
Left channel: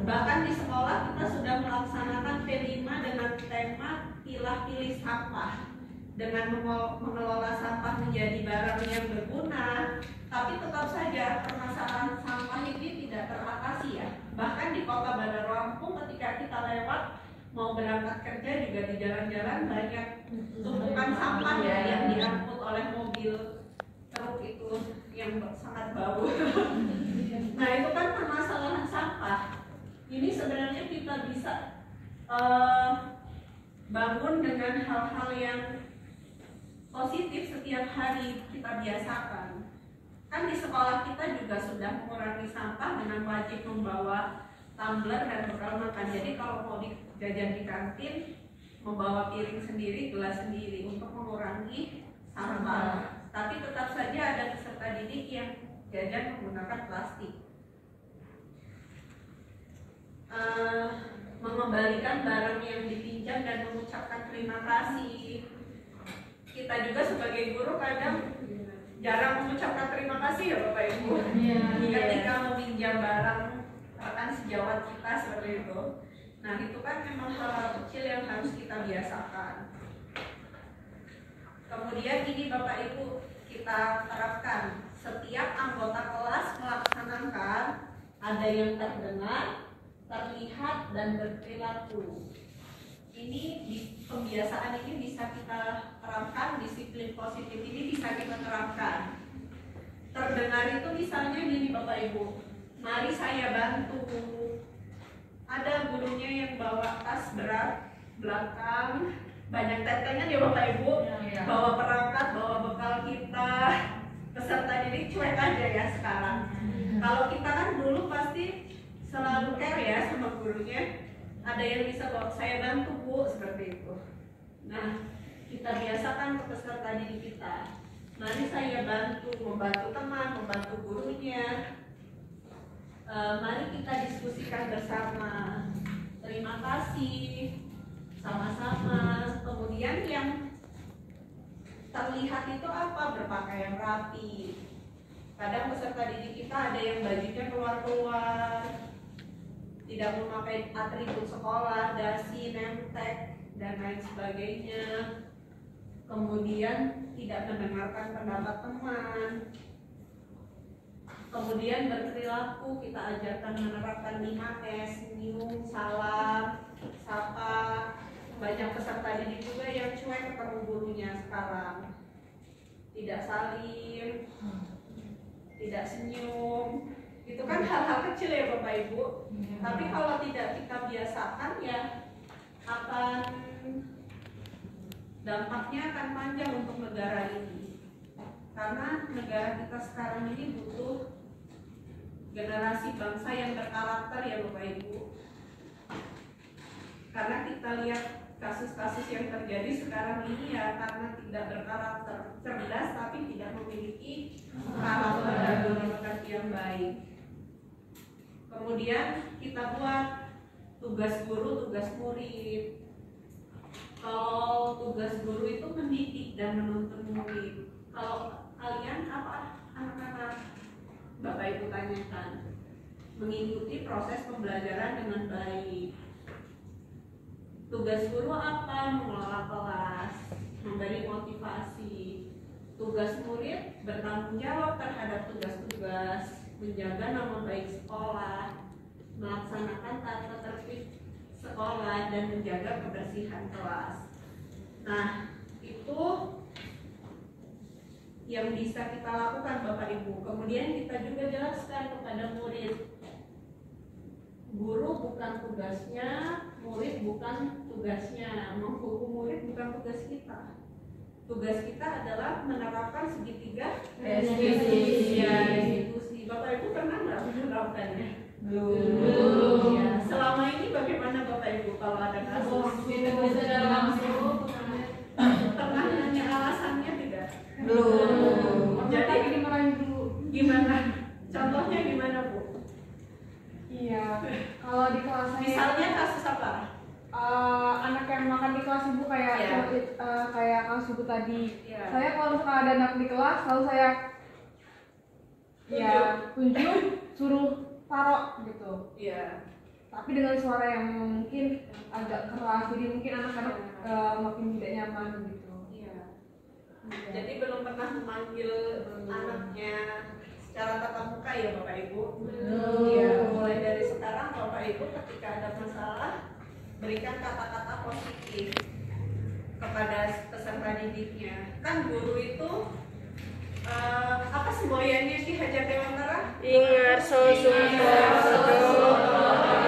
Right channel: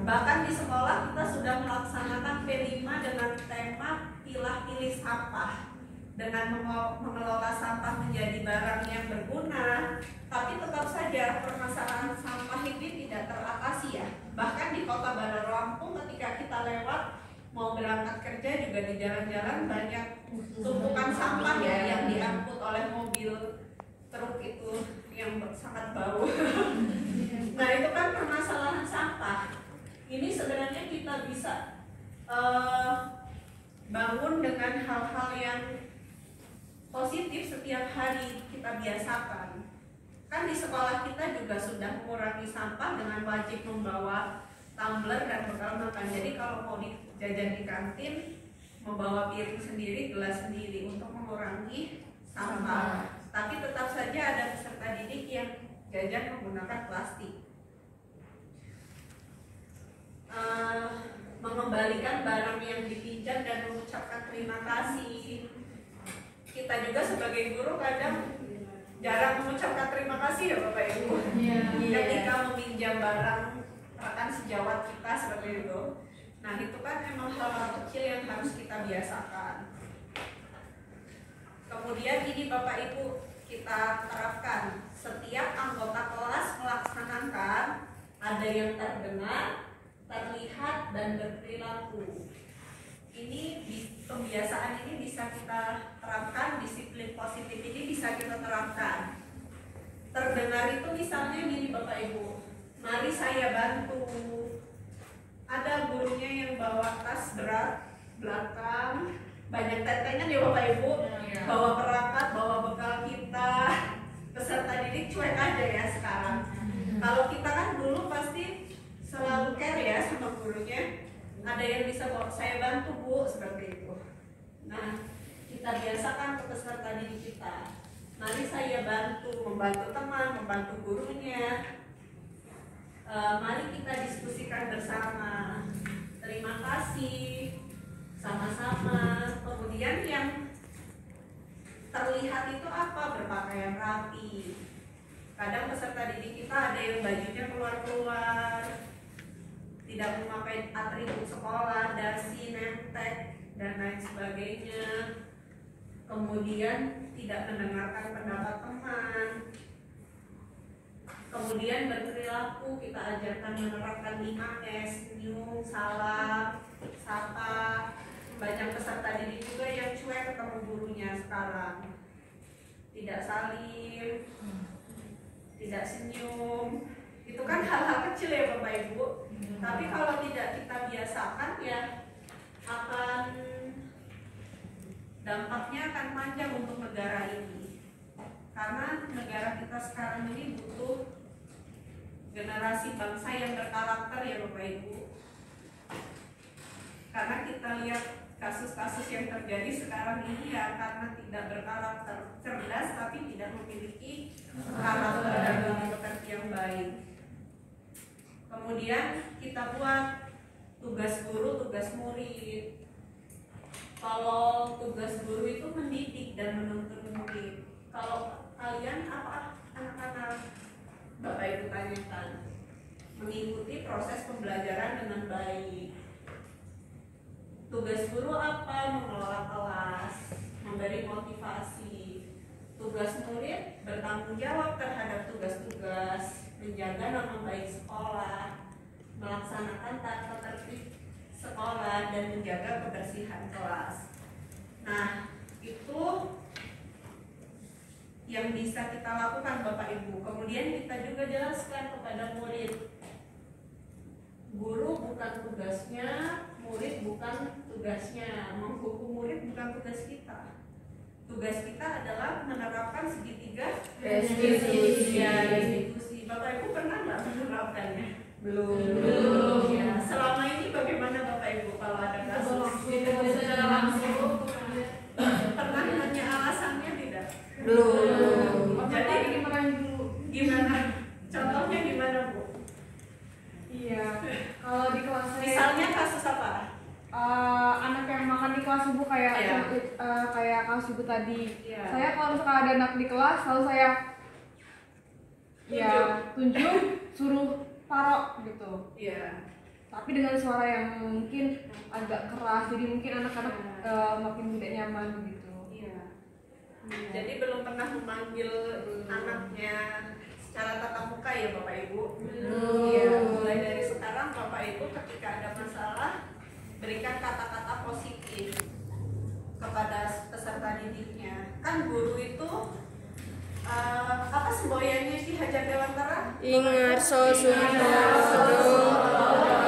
Bahkan di sekolah kita sudah melaksanakan P5 dengan tema pilah-pilih sampah, dengan mengelola sampah menjadi barang yang berguna. Tapi tetap saja permasalahan sampah ini tidak teratasi ya. Bahkan di Kota Bandar Lampung ketika kita lewat mau berangkat kerja juga di jalan-jalan banyak tumpukan sampah ya yang diangkut oleh mobil truk itu yang sangat bau. Nah itu kan permasalahan sampah. Ini sebenarnya kita bisa bangun dengan hal-hal yang positif setiap hari kita biasakan. Kan di sekolah kita juga sudah mengurangi sampah dengan wajib membawa tumbler dan bekal makan. Jadi kalau mau jajan di kantin, membawa piring sendiri, gelas sendiri untuk mengurangi sampah. Tapi tetap saja ada peserta didik yang jajan menggunakan plastik. Mengembalikan barang yang dipinjam dan mengucapkan terima kasih. Kita juga sebagai guru kadang jarang mengucapkan terima kasih ya Bapak Ibu. Ketika meminjam barang rekan sejawat kita seperti itu. Nah itu kan memang hal kecil yang harus kita biasakan. Kemudian ini Bapak Ibu kita terapkan, setiap anggota kelas melaksanakan, ada yang terdengar, terlihat, dan berperilaku. Ini pembiasaan ini bisa kita terapkan, disiplin positif ini bisa kita terapkan. Terdengar itu misalnya gini Bapak Ibu, mari saya bantu. Ada gurunya yang bawa tas berat belakang, banyak tetengan ya Bapak Ibu, bawa perangkat, bawa bekal kita. Peserta didik cuek aja ya sekarang. Kalau kita kan dulu pasti selalu care ya sama gurunya. Ada yang bisa bawa, saya bantu Bu, seperti itu. Nah, kita biasakan ke peserta didik kita. Mari saya bantu, membantu teman, membantu gurunya. Mari kita diskusikan bersama. Terima kasih, sama-sama. Kemudian yang terlihat itu apa? Berpakaian rapi. Kadang peserta didik kita ada yang bajunya keluar-keluar, tidak memakai atribut sekolah, dasi, nemtek, dan lain sebagainya. Kemudian tidak mendengarkan pendapat teman. Kemudian berperilaku, kita ajarkan menerapkan 5S, senyum, salam, sapa. Banyak peserta didik juga yang cuek ketemu gurunya sekarang. Tidak salim, tidak senyum. Itu kan hal-hal kecil ya Bapak Ibu. Tapi kalau tidak kita biasakan ya akan dampaknya akan panjang untuk negara ini. Karena negara kita sekarang ini butuh generasi bangsa yang berkarakter ya Bapak Ibu. Karena kita lihat kasus-kasus yang terjadi sekarang ini ya karena tidak berkarakter, cerdas tapi tidak memiliki karakter dan demokrasi yang baik. Kemudian kita buat tugas guru, tugas murid. Kalau tugas guru itu mendidik dan menuntun murid. Kalau kalian apa anak-anak Bapak Ibu tanyakan, mengikuti proses pembelajaran dengan baik. Tugas guru apa? Mengelola kelas, memberi motivasi. Tugas murid bertanggung jawab terhadap tugas-tugas, menjaga nama baik sekolah, melaksanakan tata tertib sekolah, dan menjaga kebersihan kelas. Nah, itu yang bisa kita lakukan Bapak Ibu. Kemudian kita juga jelaskan kepada murid, guru bukan tugasnya, murid bukan tugasnya, menghukum murid bukan tugas kita. Tugas kita adalah menerapkan segitiga restitusi. Bapak Ibu pernah nggak menerapkannya? Belum. Ya. Selama ini bagaimana Bapak Ibu kalau ada kasus? Pernah nanya alasannya tidak? Belum. Jadi gimana? Contohnya gimana Bu? Farah? Anak yang makan di kelas ibu kayak Iya. kayak kelas ibu tadi. Iya. Saya kalau misalkan ada anak di kelas selalu saya tunjuk suruh taruh gitu. Iya. Tapi dengan suara yang mungkin agak keras, jadi mungkin anak-anak makin tidak nyaman gitu. Iya. Iya. Jadi belum pernah memanggil anaknya secara tatap muka ya Bapak Ibu? Iya. Mulai dari sekarang Bapak Ibu ketika ada masalah berikan kata-kata positif kepada peserta didiknya. Kan guru itu apa semboyannya Ki Hajar Dewantara? Ingarso Sumarso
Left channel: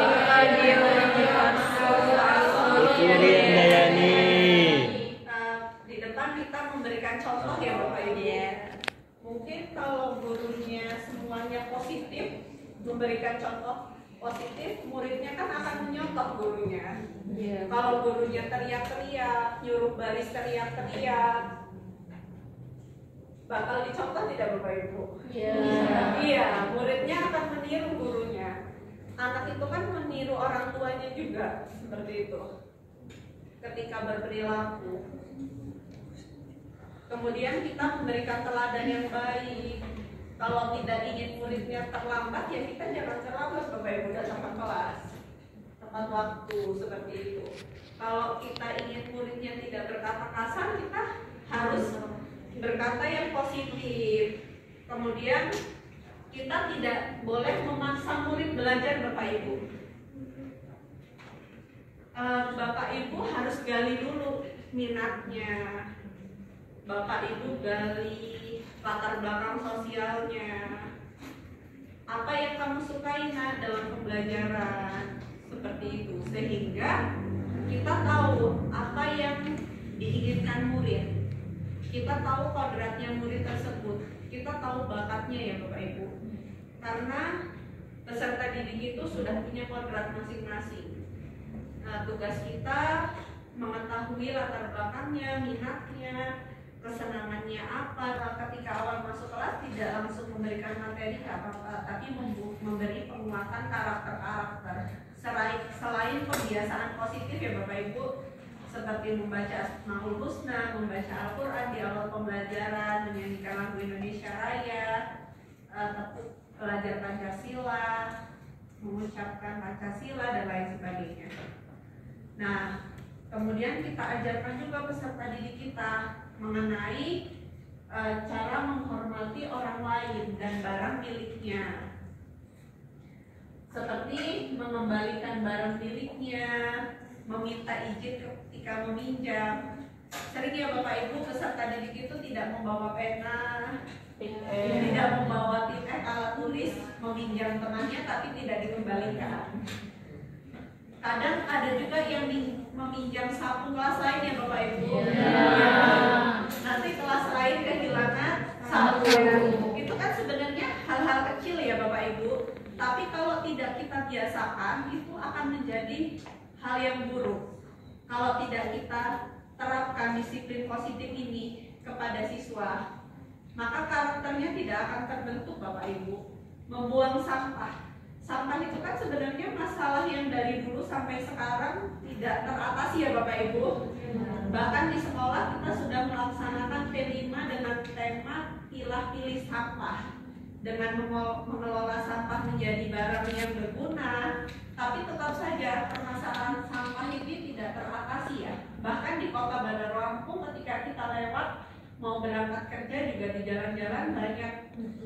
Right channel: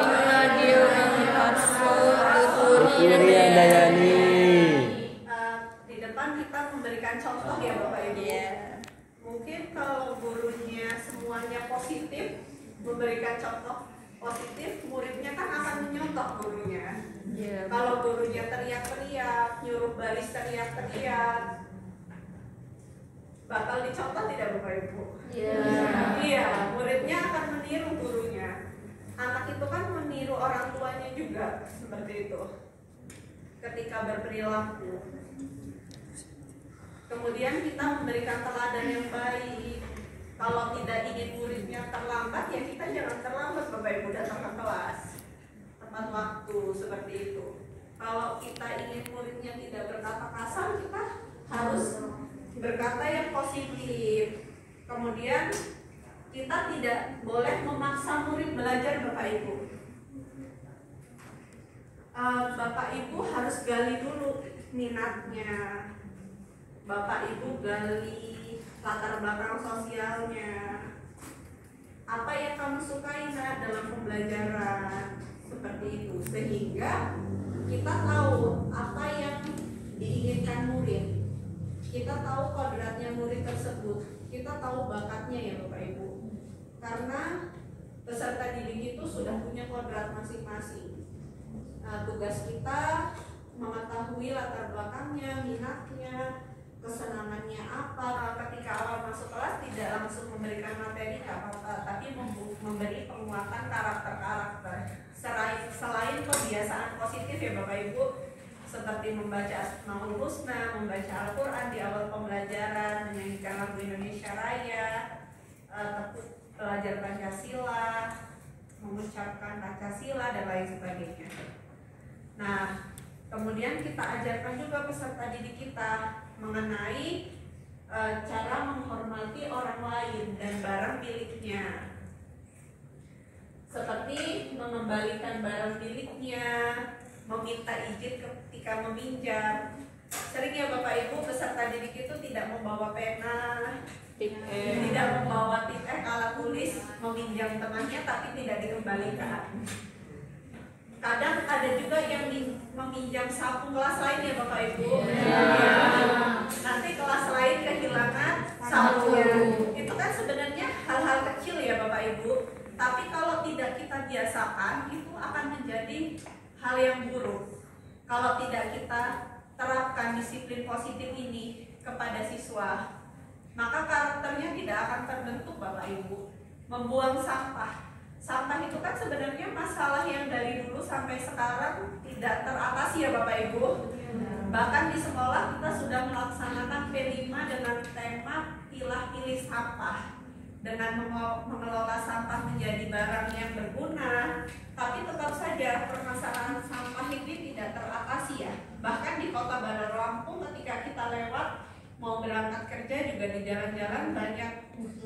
Ingadio Ingarso Kurian Dayani. Di depan kita memberikan contoh ya Bapak Ibu. Mungkin kalau gurunya semuanya positif, memberikan contoh positif, muridnya kan akan menyontoh gurunya. Kalau gurunya teriak-teriak, nyuruh baris teriak-teriak, bakal dicontoh tidak Bapak Ibu? Iya, muridnya akan meniru gurunya. Anak itu kan meniru orang tuanya juga, seperti itu. Ketika berperilaku. Kemudian kita memberikan teladan yang baik. Kalau tidak ingin muridnya terlambat, ya kita jangan terlambat Bapak Ibu datang ke kelas. Tepat waktu, seperti itu. Kalau kita ingin muridnya tidak berkata kasar, kita harus berkata yang positif. Kemudian kita tidak boleh memaksa murid belajar Bapak Ibu. Bapak Ibu harus gali dulu minatnya. Bapak Ibu gali latar belakang sosialnya. Apa yang kamu sukai nak dalam pembelajaran, seperti itu, sehingga kita tahu apa yang diinginkan murid. Kita tahu kodratnya murid tersebut, kita tahu bakatnya ya Bapak Ibu. Karena peserta didik itu sudah punya kodrat masing-masing. Tugas kita mengetahui latar belakangnya, minatnya, kesenangannya apa. Ketika awal masuk kelas tidak langsung memberikan materi apa-apa, tapi memberi penguatan karakter-karakter. Selain kebiasaan positif ya Bapak Ibu, seperti membaca Asmaul Husna, membaca Al-Quran di awal pembelajaran, menyanyikan lagu Indonesia Raya, belajar Pancasila, mengucapkan Pancasila, dan lain sebagainya. Nah, kemudian kita ajarkan juga peserta didik kita mengenai cara menghormati orang lain dan barang miliknya, seperti mengembalikan barang miliknya, meminta izin ketika meminjam. Sering ya Bapak Ibu peserta didik itu tidak membawa pena, tidak membawa alat tulis, meminjam temannya tapi tidak dikembalikan. Kadang ada juga yang meminjam sapu kelas lain ya Bapak Ibu. Nanti kelas lain kehilangan sapu. Itu kan sebenarnya hal-hal kecil ya Bapak Ibu. Tapi kalau tidak kita biasakan, itu akan menjadi hal yang buruk. Kalau tidak kita terapkan disiplin positif ini kepada siswa, maka karakternya tidak akan terbentuk Bapak Ibu. Membuang sampah. Sampah itu kan sebenarnya masalah yang dari dulu sampai sekarang tidak teratasi ya Bapak Ibu. Bahkan di sekolah kita sudah melaksanakan P5 dengan tema pilah-pilih sampah, dengan mengelola sampah menjadi barang yang berguna. Tapi tetap saja permasalahan sampah ini tidak teratasi ya. Bahkan di Kota Bandar Lampung ketika kita lewat mau berangkat kerja juga di jalan-jalan banyak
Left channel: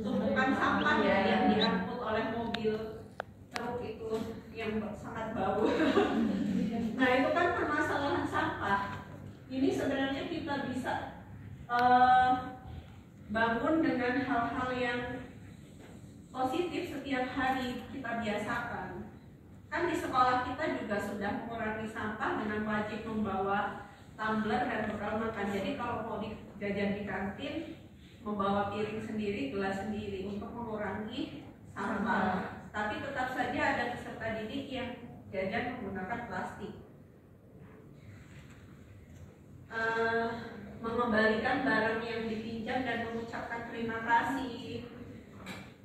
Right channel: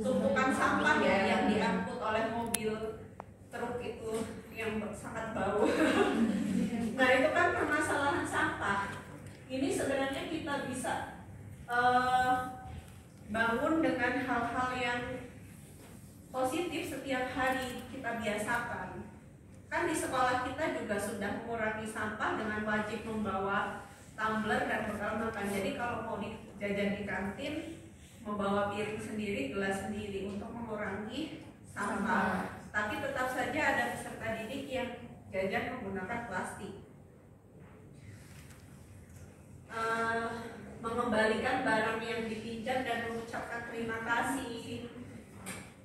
tumpukan sampah ya yang diangkut oleh mobil truk itu yang sangat bau. Nah itu kan permasalahan sampah. Ini sebenarnya kita bisa bangun dengan hal-hal yang positif setiap hari kita biasakan. Kan di sekolah kita juga sudah mengurangi sampah dengan wajib membawa tumbler dan bekal makan. Jadi kalau mau jajan di kantin, membawa piring sendiri, gelas sendiri untuk mengurangi sampah. Tapi tetap saja ada peserta didik yang jajan menggunakan plastik. Mengembalikan barang yang dipinjam dan mengucapkan terima kasih.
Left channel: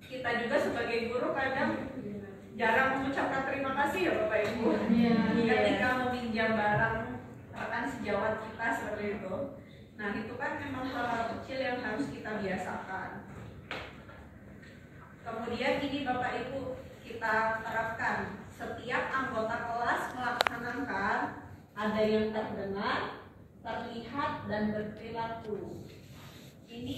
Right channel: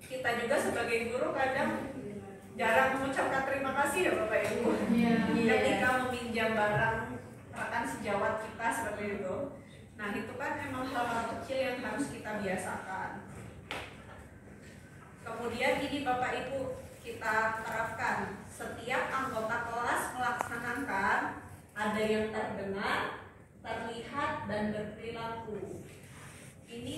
Kita juga sebagai guru kadang jarang mengucapkan terima kasih ya Bapak Ibu. Ketika meminjam barang rekan sejawat kita seperti itu. Nah itu kan memang hal kecil yang harus kita biasakan. Kemudian ini Bapak Ibu kita terapkan, setiap anggota kelas melaksanakan, ada yang terdengar, terlihat, dan berperilaku. Ini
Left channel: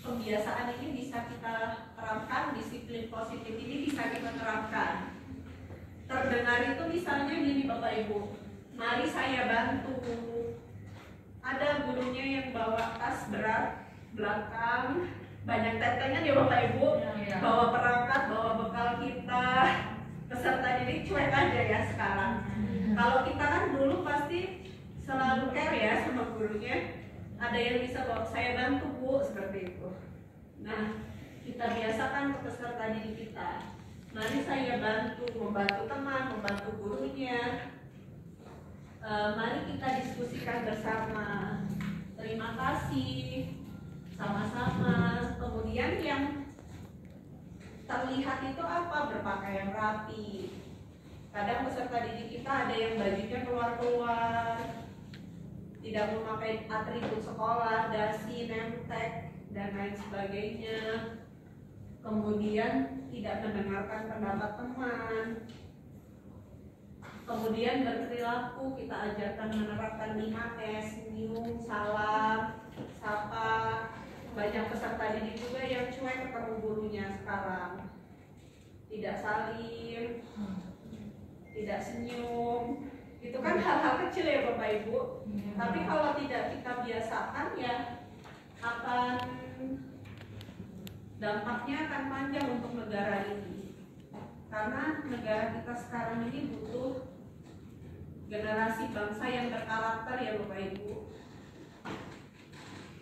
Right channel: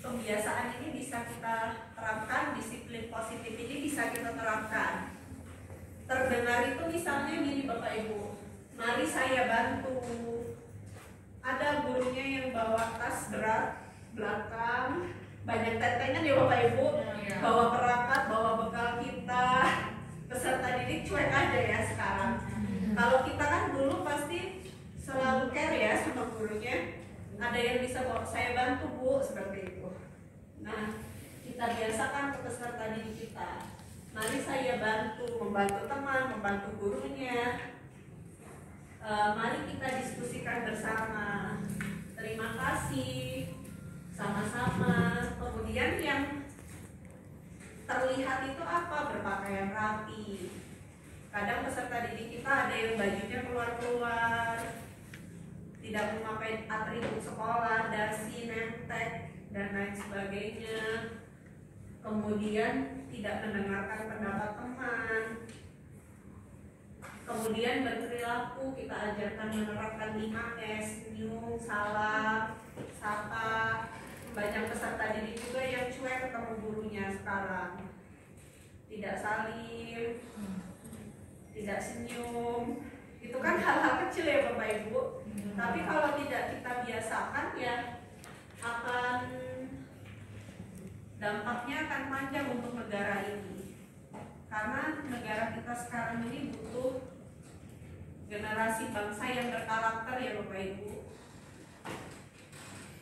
kebiasaan ini bisa kita terapkan, disiplin positif ini bisa kita terapkan. Terdengar itu misalnya gini Bapak Ibu, mari saya bantu. Ada gurunya yang bawa tas berat belakang, banyak tetengan ya Bapak Ibu, bawa perangkat, bawa bekal kita. Peserta didik cuek aja ya sekarang. Kalau kita kan dulu pasti selalu care ya sama gurunya. Ada yang bisa bawa, saya bantu Bu, seperti itu. Nah, kita biasakan ke peserta didik kita. Mari saya bantu, membantu teman, membantu gurunya. Mari kita diskusikan bersama. Terima kasih, sama-sama. Kemudian yang terlihat itu apa? Berpakaian rapi. Kadang peserta didik kita ada yang bajunya keluar-keluar, tidak memakai atribut sekolah, dasi, nemtek, dan lain sebagainya. Kemudian tidak mendengarkan pendapat teman. Kemudian berperilaku, kita ajarkan menerapkan 5S, senyum, salam, sapa. Banyak peserta didik juga yang cuek ketemu gurunya sekarang. Tidak salim, tidak senyum. Itu kan hal-hal kecil ya Bapak Ibu. Tapi kalau tidak kita biasakan ya akan dampaknya akan panjang untuk negara ini. Karena negara kita sekarang ini butuh generasi bangsa yang berkarakter ya Bapak Ibu.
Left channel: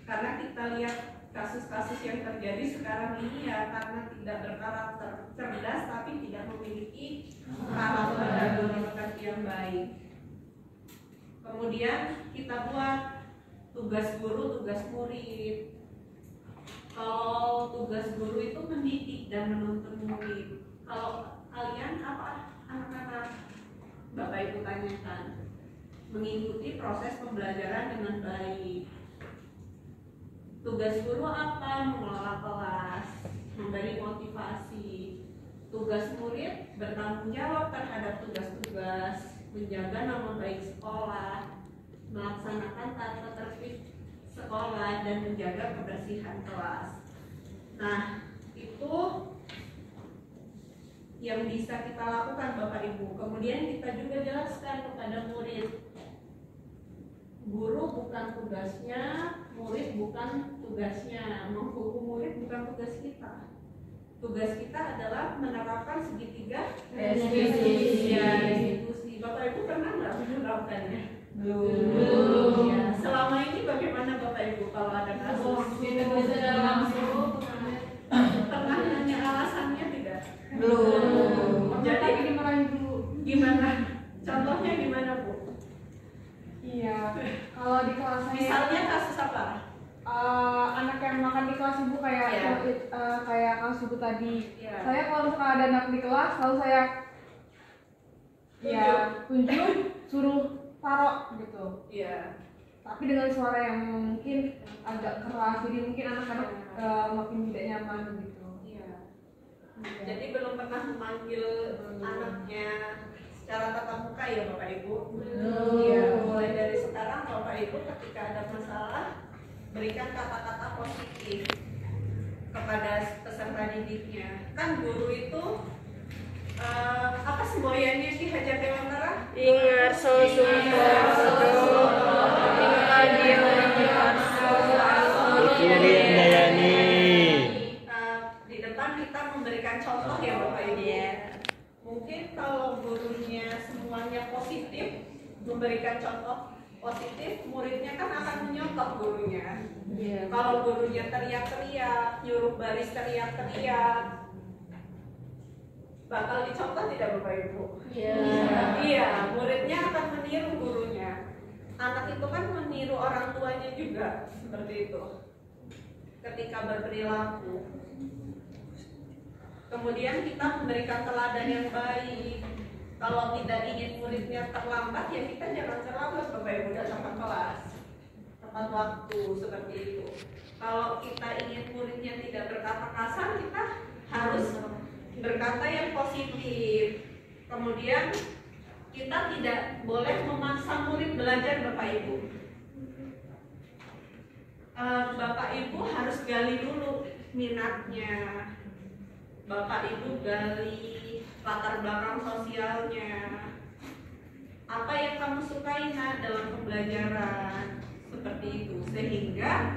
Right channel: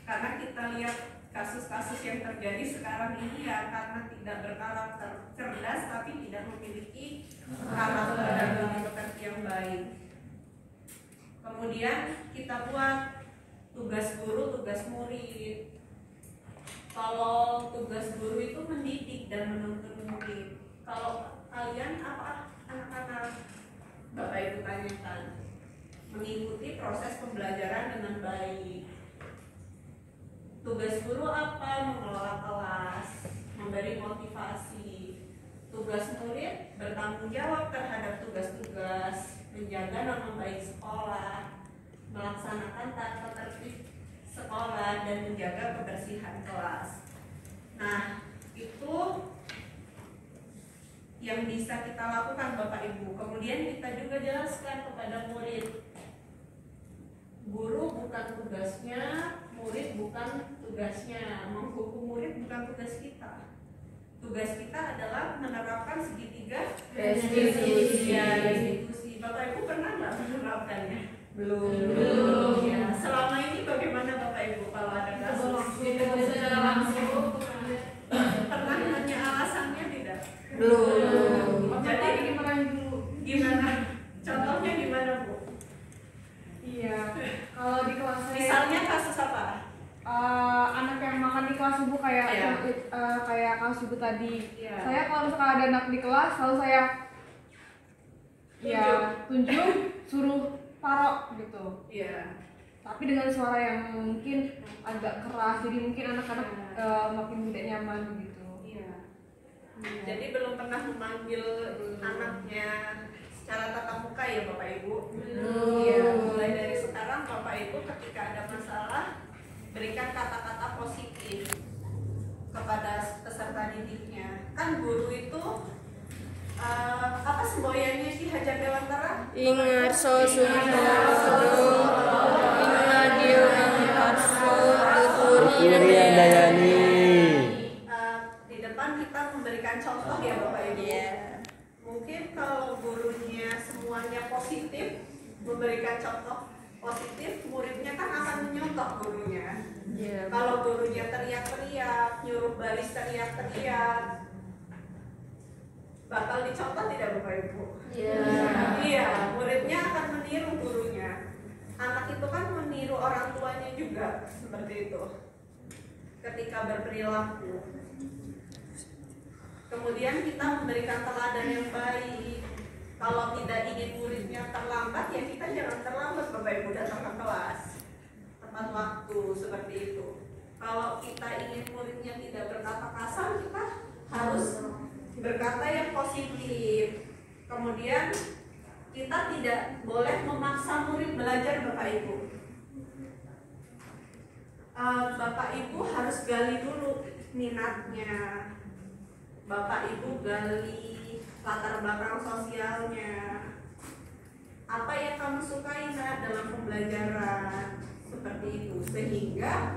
Karena kita lihat kasus-kasus yang terjadi sekarang ini ya karena tidak berkarakter, cerdas tapi tidak memiliki karakter dan moralitas yang baik. Kemudian kita buat tugas guru, tugas murid. Kalau tugas guru itu mendidik dan menuntun murid. Kalau kalian apa anak-anak Bapak Ibu tanyakan, mengikuti proses pembelajaran dengan baik. Tugas guru apa? Mengelola kelas, memberi motivasi. Tugas murid bertanggung jawab terhadap tugas-tugas, menjaga nama baik sekolah, melaksanakan tata tertib sekolah, dan menjaga kebersihan kelas. Nah, itu yang bisa kita lakukan Bapak Ibu. Kemudian kita juga jelaskan kepada murid, guru bukan tugasnya, murid bukan tugasnya, menghukum murid bukan tugas kita. Tugas kita adalah menerapkan segitiga restitusi. Ya, restitusi. Bapak Ibu pernah nggak menerapkannya? Belum. Ya, selama ini bagaimana Bapak Ibu kalau ada kasus? Secara langsung pernah nanya alasannya tidak? Belum. Jadi gimana? Contohnya gimana Bu? Iya, kalau di kelas saya Misalnya kasus apa? anak yang makan di kelas ibu kayak Iya. kayak kasus ibu tadi. Iya. Saya kalau misalkan ada anak di kelas, selalu saya tunjuk, suruh taruh gitu. Iya. Tapi dengan suara yang mungkin agak keras, jadi mungkin anak-anak makin tidak nyaman gitu. Iya. Iya. Jadi belum pernah memanggil anaknya secara tatap muka ya Bapak Ibu? Iya. Mulai dari sekarang Bapak Ibu ketika ada masalah berikan kata-kata positif kepada peserta didiknya. Kan guru itu apa semboyannya Ki Hajar Dewantara? Ingarso Sumpah Ingadio Ingarso Irian Dayani. Di depan kita memberikan contoh ya Bapak Ibu. Mungkin kalau gurunya semuanya positif, memberikan contoh positif, muridnya kan akan menyontoh gurunya. Kalau gurunya teriak-teriak, nyuruh baris teriak-teriak, bakal dicontoh tidak Bapak Ibu? Iya, muridnya akan meniru gurunya. Anak itu kan meniru orang tuanya juga, seperti itu. Ketika berperilaku. Kemudian kita memberikan teladan yang baik. Kalau tidak ingin muridnya terlambat, ya kita jangan terlambat Bapak Ibu datang ke kelas tepat waktu seperti itu. Kalau kita ingin muridnya tidak berkata kasar, kita harus berkata yang positif. Kemudian kita tidak boleh memaksa murid belajar Bapak Ibu. Bapak Ibu harus gali dulu minatnya. Bapak Ibu gali latar belakang sosialnya. Apa yang kamu sukai nak dalam pembelajaran? Seperti itu. Sehingga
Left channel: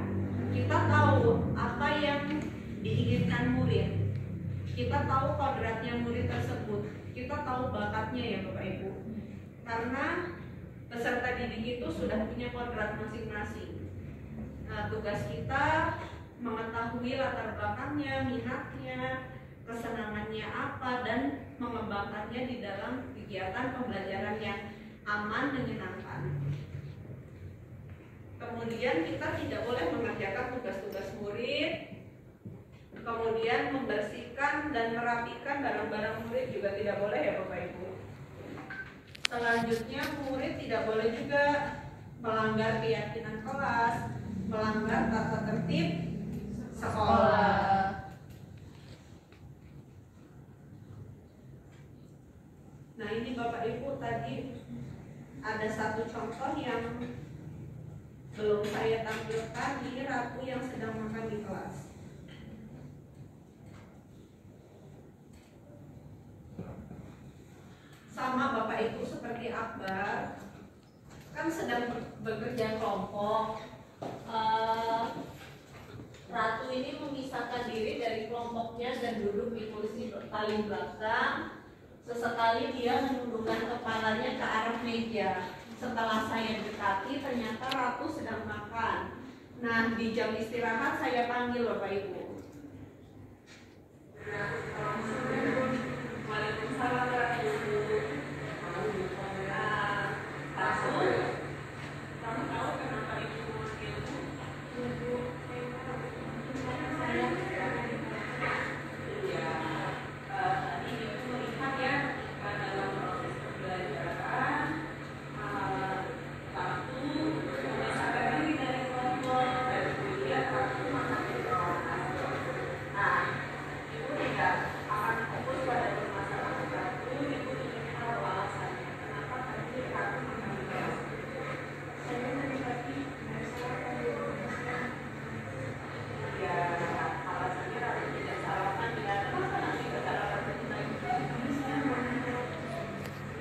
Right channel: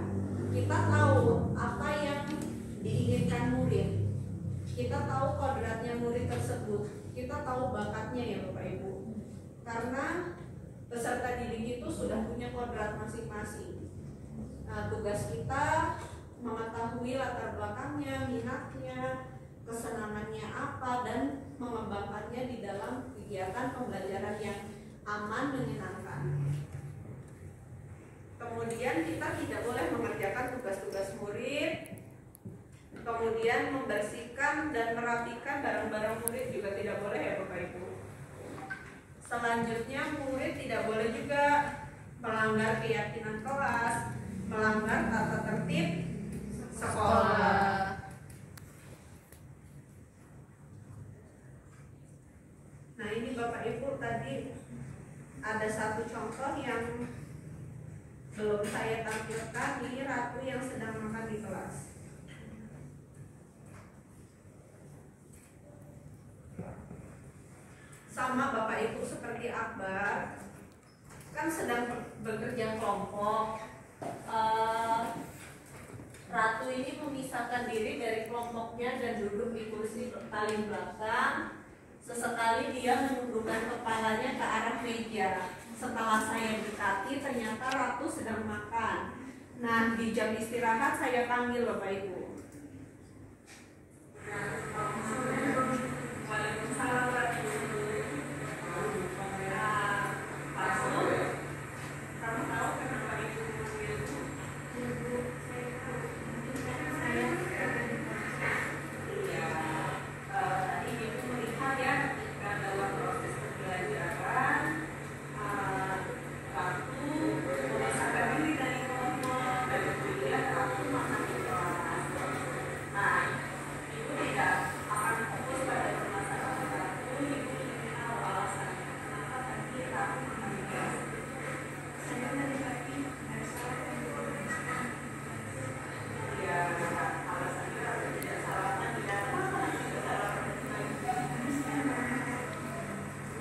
kita tahu apa yang diinginkan murid. Kita tahu kodratnya murid tersebut. Kita tahu bakatnya ya Bapak Ibu. Karena peserta didik itu sudah punya kodrat masing-masing. Tugas kita mengetahui latar belakangnya, minatnya, kesenangannya apa, dan mengembangkannya di dalam kegiatan pembelajaran yang aman, menyenangkan. Kemudian kita tidak boleh mengerjakan tugas-tugas murid. Kemudian membersihkan dan merapikan barang-barang murid juga tidak boleh ya Bapak Ibu. Selanjutnya murid tidak boleh juga melanggar keyakinan kelas, melanggar tata tertib sekolah. Nah ini Bapak Ibu tadi ada satu contoh yang belum saya tampilkan. Ini Ratu yang sedang makan di kelas. Sama Bapak Ibu seperti Akbar kan sedang bekerja kelompok. Ratu ini memisahkan diri dari kelompoknya dan duduk di kursi paling belakang. Sesekali dia menundukkan kepalanya ke arah meja. Setelah saya dekati, ternyata Ratu sedang makan. Nah, di jam istirahat saya panggil Bapak Ibu. Waalaikumsalam warahmatullahi wabarakatuh. Pasur, kamu tahu kenapa Ibu memanggilku? Ibu, saya iya. Tadi Ibu melihat ya, ketika dalam proses pembelajaran Ratu memisahkan diri dari kelompok dan kemudian Ratu makan di kelas. Nah, Ibu tidak akan fokus pada permasalahan Ratu. Ibu ingin tahu alasannya kenapa tadi Ratu makan di kelas. Saya tadi ada sarapan di kelas. Ya, alasannya Ratu tidak sarapan. Tidak kenapa nanti tidak sarapan dari pagi.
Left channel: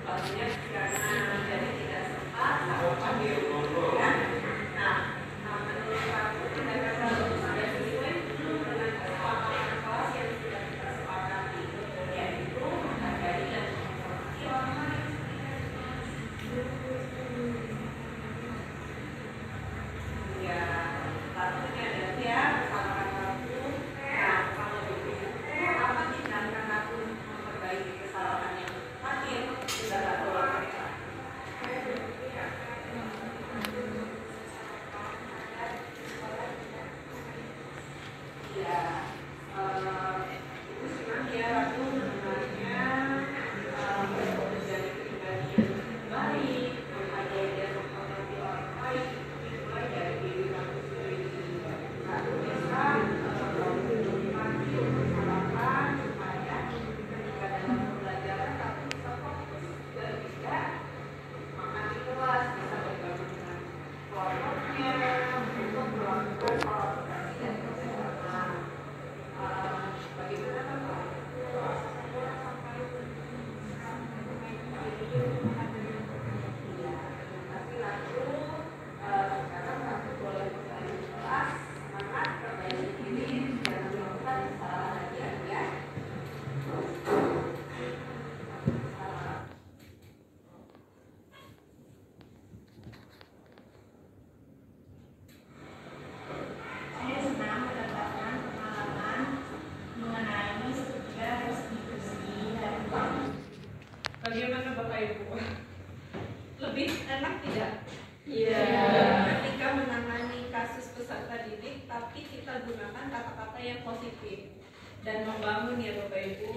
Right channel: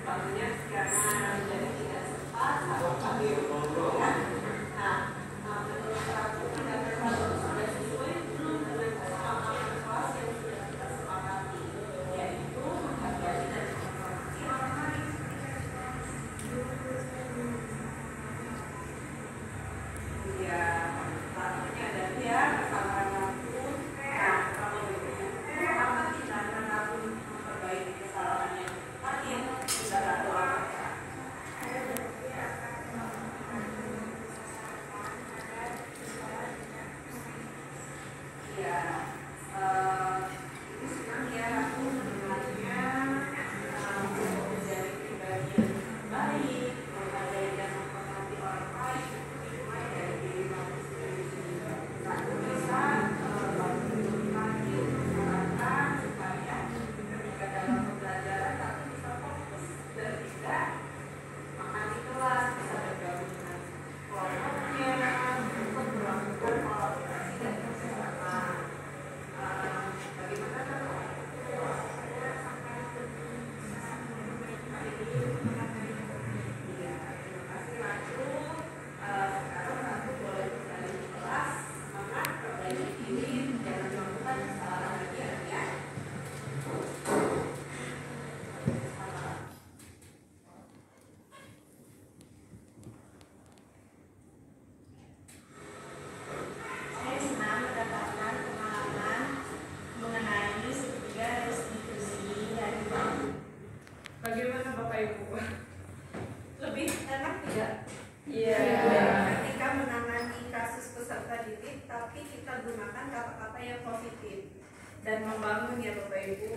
Banyak karena jadi tidak sempat sarapan di rumah ya. Nah, menurut Ratu tidak terlalu sudah sesuai belum dengan kesepakatan kelas yang sudah kita sepakati, yaitu menghargai dan menghormati orang lain. Ya, Ratunya ada ya, kesalahan Ratu. Nah, kalau begitu apa tindakan Ratu memperbaiki kesalahannya? Tadi sudah Ratu lakukan. Ya, itu senang ya Ratu mendengarnya, menjadi pribadi yang baik, menghargai dan menghormati orang lain, dimulai dari diri Ratu sendiri. Ratu bisa menikmati kesalahan supaya ketika dalam pembelajaran Ratu bisa fokus dan tidak makan di kelas, bisa bergabung dengan kelompoknya untuk melakukan kolaborasi dan kerjasama. Bagaimana kan rasanya sampai iya, terima kasih Ratu. Sekarang Ratu boleh kembali ke kelas. Semangat, perbaiki diri, jangan melakukan kesalahan lagi ya. Saya senang mendapatkan pengalaman mengenai sebuah restitusi dari bank. Bagaimana Bapak Ibu? Lebih enak tidak? Iya. Ketika menangani kasus peserta didik, tapi kita gunakan kata-kata yang positif. dan membangun ya Bapak Ibu.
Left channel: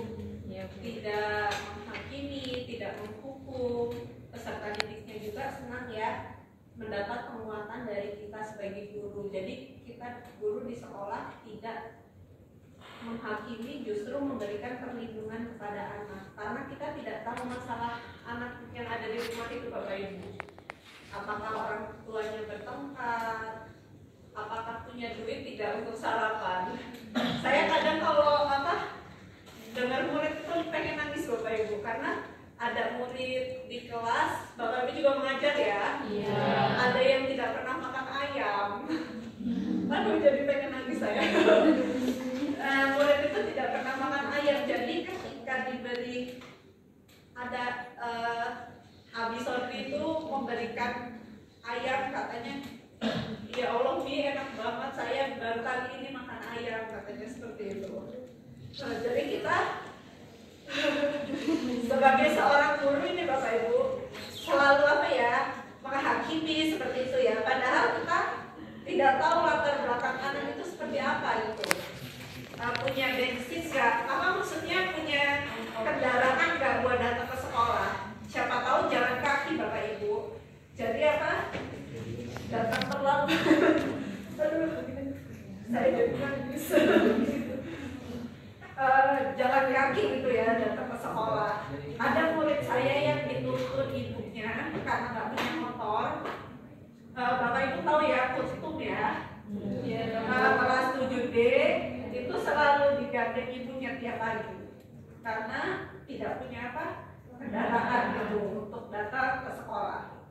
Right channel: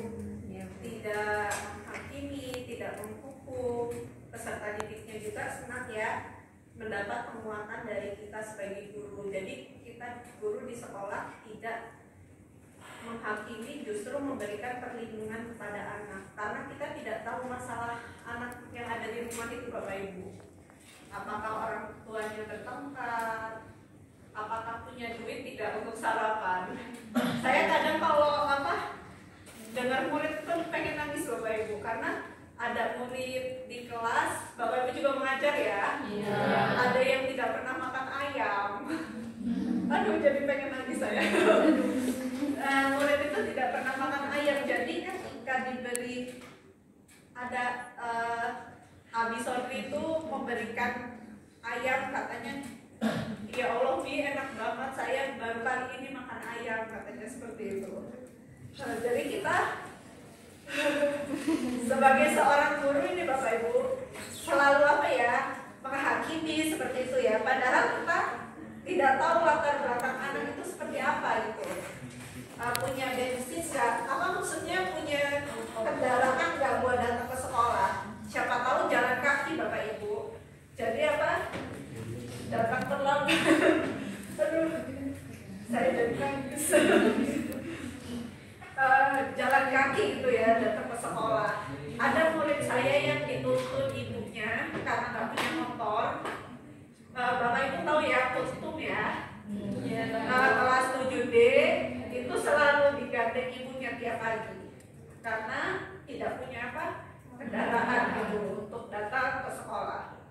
Tidak menghakimi, tidak menghukum. Peserta didiknya juga senang ya mendapat penguatan dari kita sebagai guru. Jadi kita guru di sekolah tidak menghakimi, justru memberikan perlindungan kepada anak, karena kita tidak tahu masalah anak yang ada di rumah itu Bapak Ibu. Apakah orang tuanya bertengkar, apakah punya duit tidak untuk sarapan. Saya kadang kalau dengar murid itu pengen nangis Bapak Ibu, karena ada murid di kelas, Bapak Ibu juga mengajar ya. Iya. Ada yang tidak pernah makan ayam. Aduh, jadi pengen nangis saya. Murid itu tidak pernah makan ayam, jadi ketika diberi ada Abi Sodri itu memberikan ayam, katanya ya Allah Bi, enak banget, saya baru kali ini makan ayam, katanya seperti itu. Jadi kita sebagai seorang guru ini Bapak Ibu selalu menghakimi seperti itu ya, padahal kita tidak tahu latar belakang anak itu seperti apa gitu. Punya bensin nggak? Apa maksudnya punya kendaraan nggak buat datang ke sekolah? Siapa tahu jalan kaki Bapak Ibu. Jadi datang terlambat. Aduh, saya jadi nangis. Jalan kaki gitu ya, datang ke sekolah. Ada murid saya yang dituntun ibunya karena nggak punya motor. Bapak Ibu tahu ya kostum ya. Kelas 7D itu selalu digandeng ibunya tiap pagi karena tidak punya kendaraan gitu untuk datang ke sekolah.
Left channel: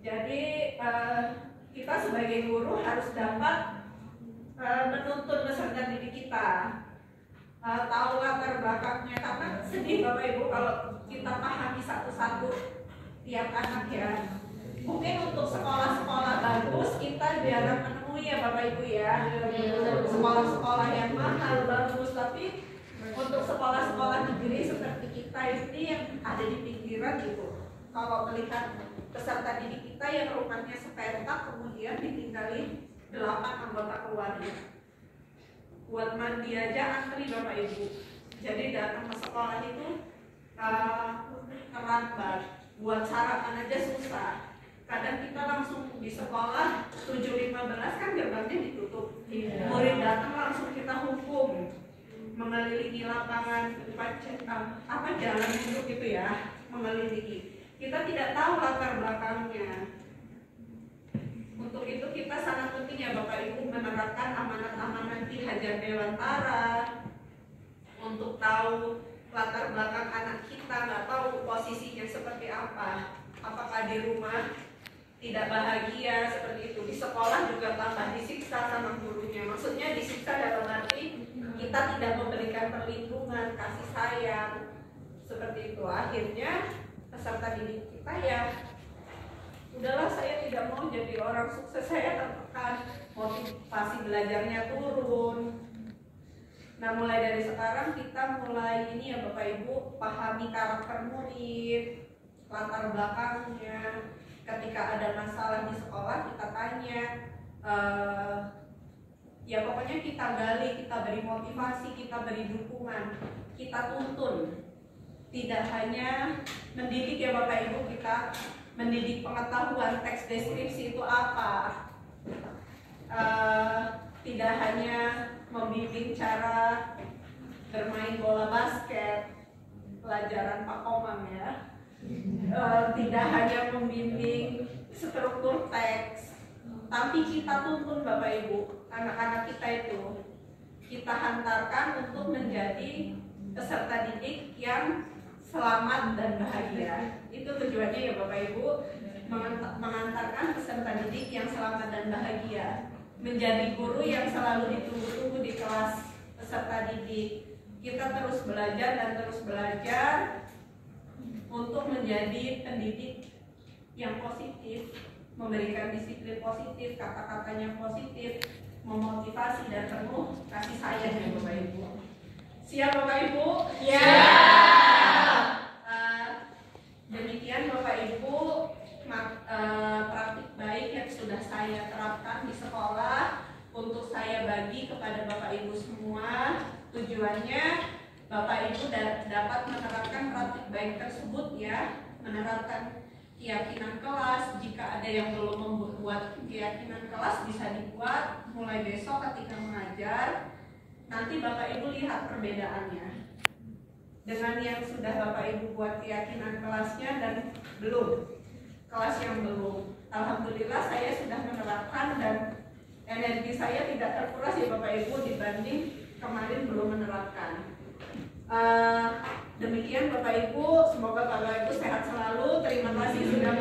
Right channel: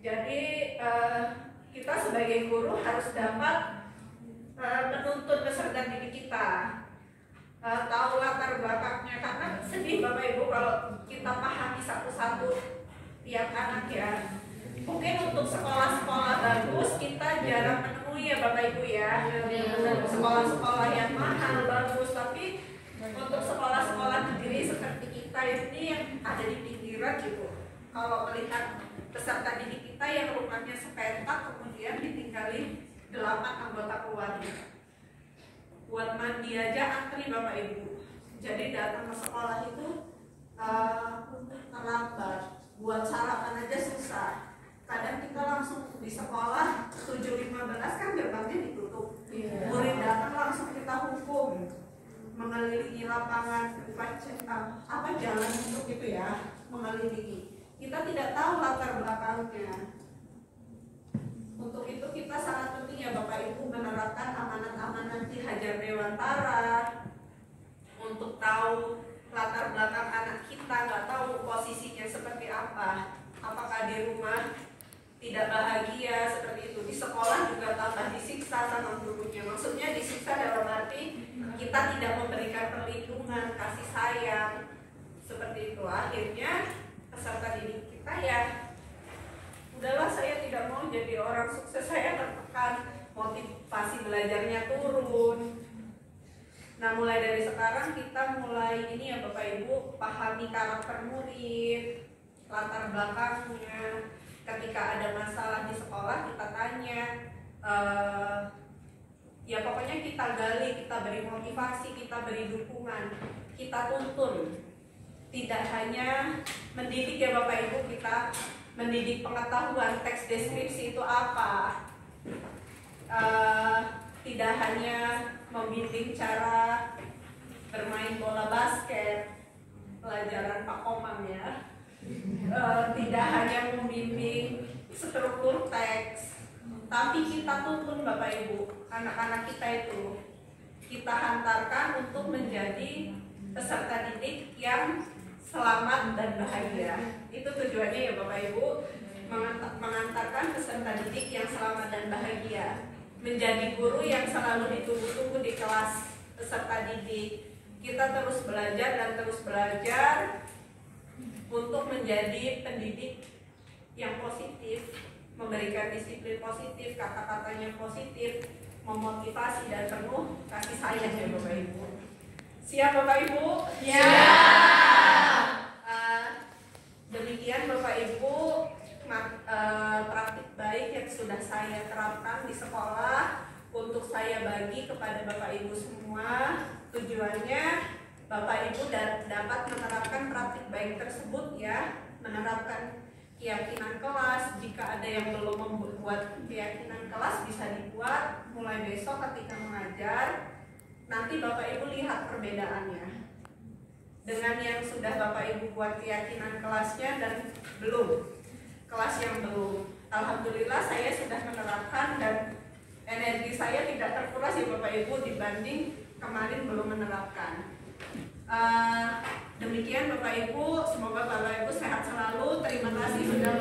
Jadi kita sebagai guru harus dapat menuntun peserta didik kita, tahu latar belakangnya, karena sedih Bapak Ibu kalau kita pahami satu-satu tiap anak ya. Mungkin untuk sekolah-sekolah bagus kita jarang menemui ya Bapak Ibu ya, sekolah-sekolah yang mahal bagus, tapi untuk sekolah-sekolah negeri seperti kita ini yang ada di pinggiran gitu, kalau melihat peserta didik kita yang rumahnya sepetak kemudian ditinggali 8 anggota keluarga, buat mandi aja antri Bapak Ibu. Jadi datang ke sekolah itu terlambat, buat sarapan aja susah. Kadang kita langsung di sekolah 7.15 kan gerbangnya ditutup, murid datang langsung kita hukum, mengelilingi lapangan jalan itu gitu ya, mengelilingi. Kita tidak tahu latar belakangnya. Untuk itu kita sangat penting ya Bapak Ibu menerapkan amanat-amanat di Hajar Dewantara untuk tahu latar belakang anak kita, nggak tahu posisinya seperti apa, apakah di rumah tidak bahagia seperti itu, di sekolah juga tambah disiksa sama gurunya. Maksudnya disiksa dalam arti kita tidak memberikan perlindungan, kasih sayang seperti itu. Akhirnya peserta didik kita ya udahlah, saya tidak mau jadi orang sukses, saya tertekan, motivasi belajarnya turun. Nah mulai dari sekarang kita mulai ini ya Bapak Ibu, pahami karakter murid, latar belakangnya. Ketika ada masalah di sekolah kita tanya, ya pokoknya kita gali, kita beri motivasi, kita beri dukungan, kita tuntun. Tidak hanya mendidik ya Bapak Ibu, kita mendidik pengetahuan, teks deskripsi itu apa, tidak hanya membimbing cara bermain bola basket, pelajaran Pak Komang ya, tidak hanya membimbing struktur teks, tapi kita tuntun Bapak Ibu, anak-anak kita itu kita hantarkan untuk menjadi peserta didik yang selamat dan bahagia. Itu tujuannya ya Bapak Ibu, mengantarkan peserta didik yang selamat dan bahagia, menjadi guru yang selalu ditunggu-tunggu di kelas peserta didik. Kita terus belajar dan terus belajar untuk menjadi pendidik yang positif, memberikan disiplin positif, kata-katanya positif, memotivasi dan penuh kasih sayang ya Bapak Ibu. Siap Bapak Ibu? Ya. Demikian Bapak Ibu praktik baik yang sudah saya terapkan di sekolah untuk saya bagi kepada Bapak Ibu semua. Tujuannya Bapak Ibu dapat menerapkan praktik baik tersebut ya, menerapkan keyakinan kelas. Jika ada yang belum membuat keyakinan kelas bisa dibuat mulai besok ketika mengajar. Nanti Bapak Ibu lihat perbedaannya dengan yang sudah Bapak Ibu buat keyakinan kelasnya dan belum, kelas yang belum. Alhamdulillah saya sudah menerapkan dan energi saya tidak terkuras ya Bapak Ibu dibanding kemarin belum menerapkan. Demikian Bapak Ibu, semoga Bapak Ibu sehat selalu. Terima kasih sudah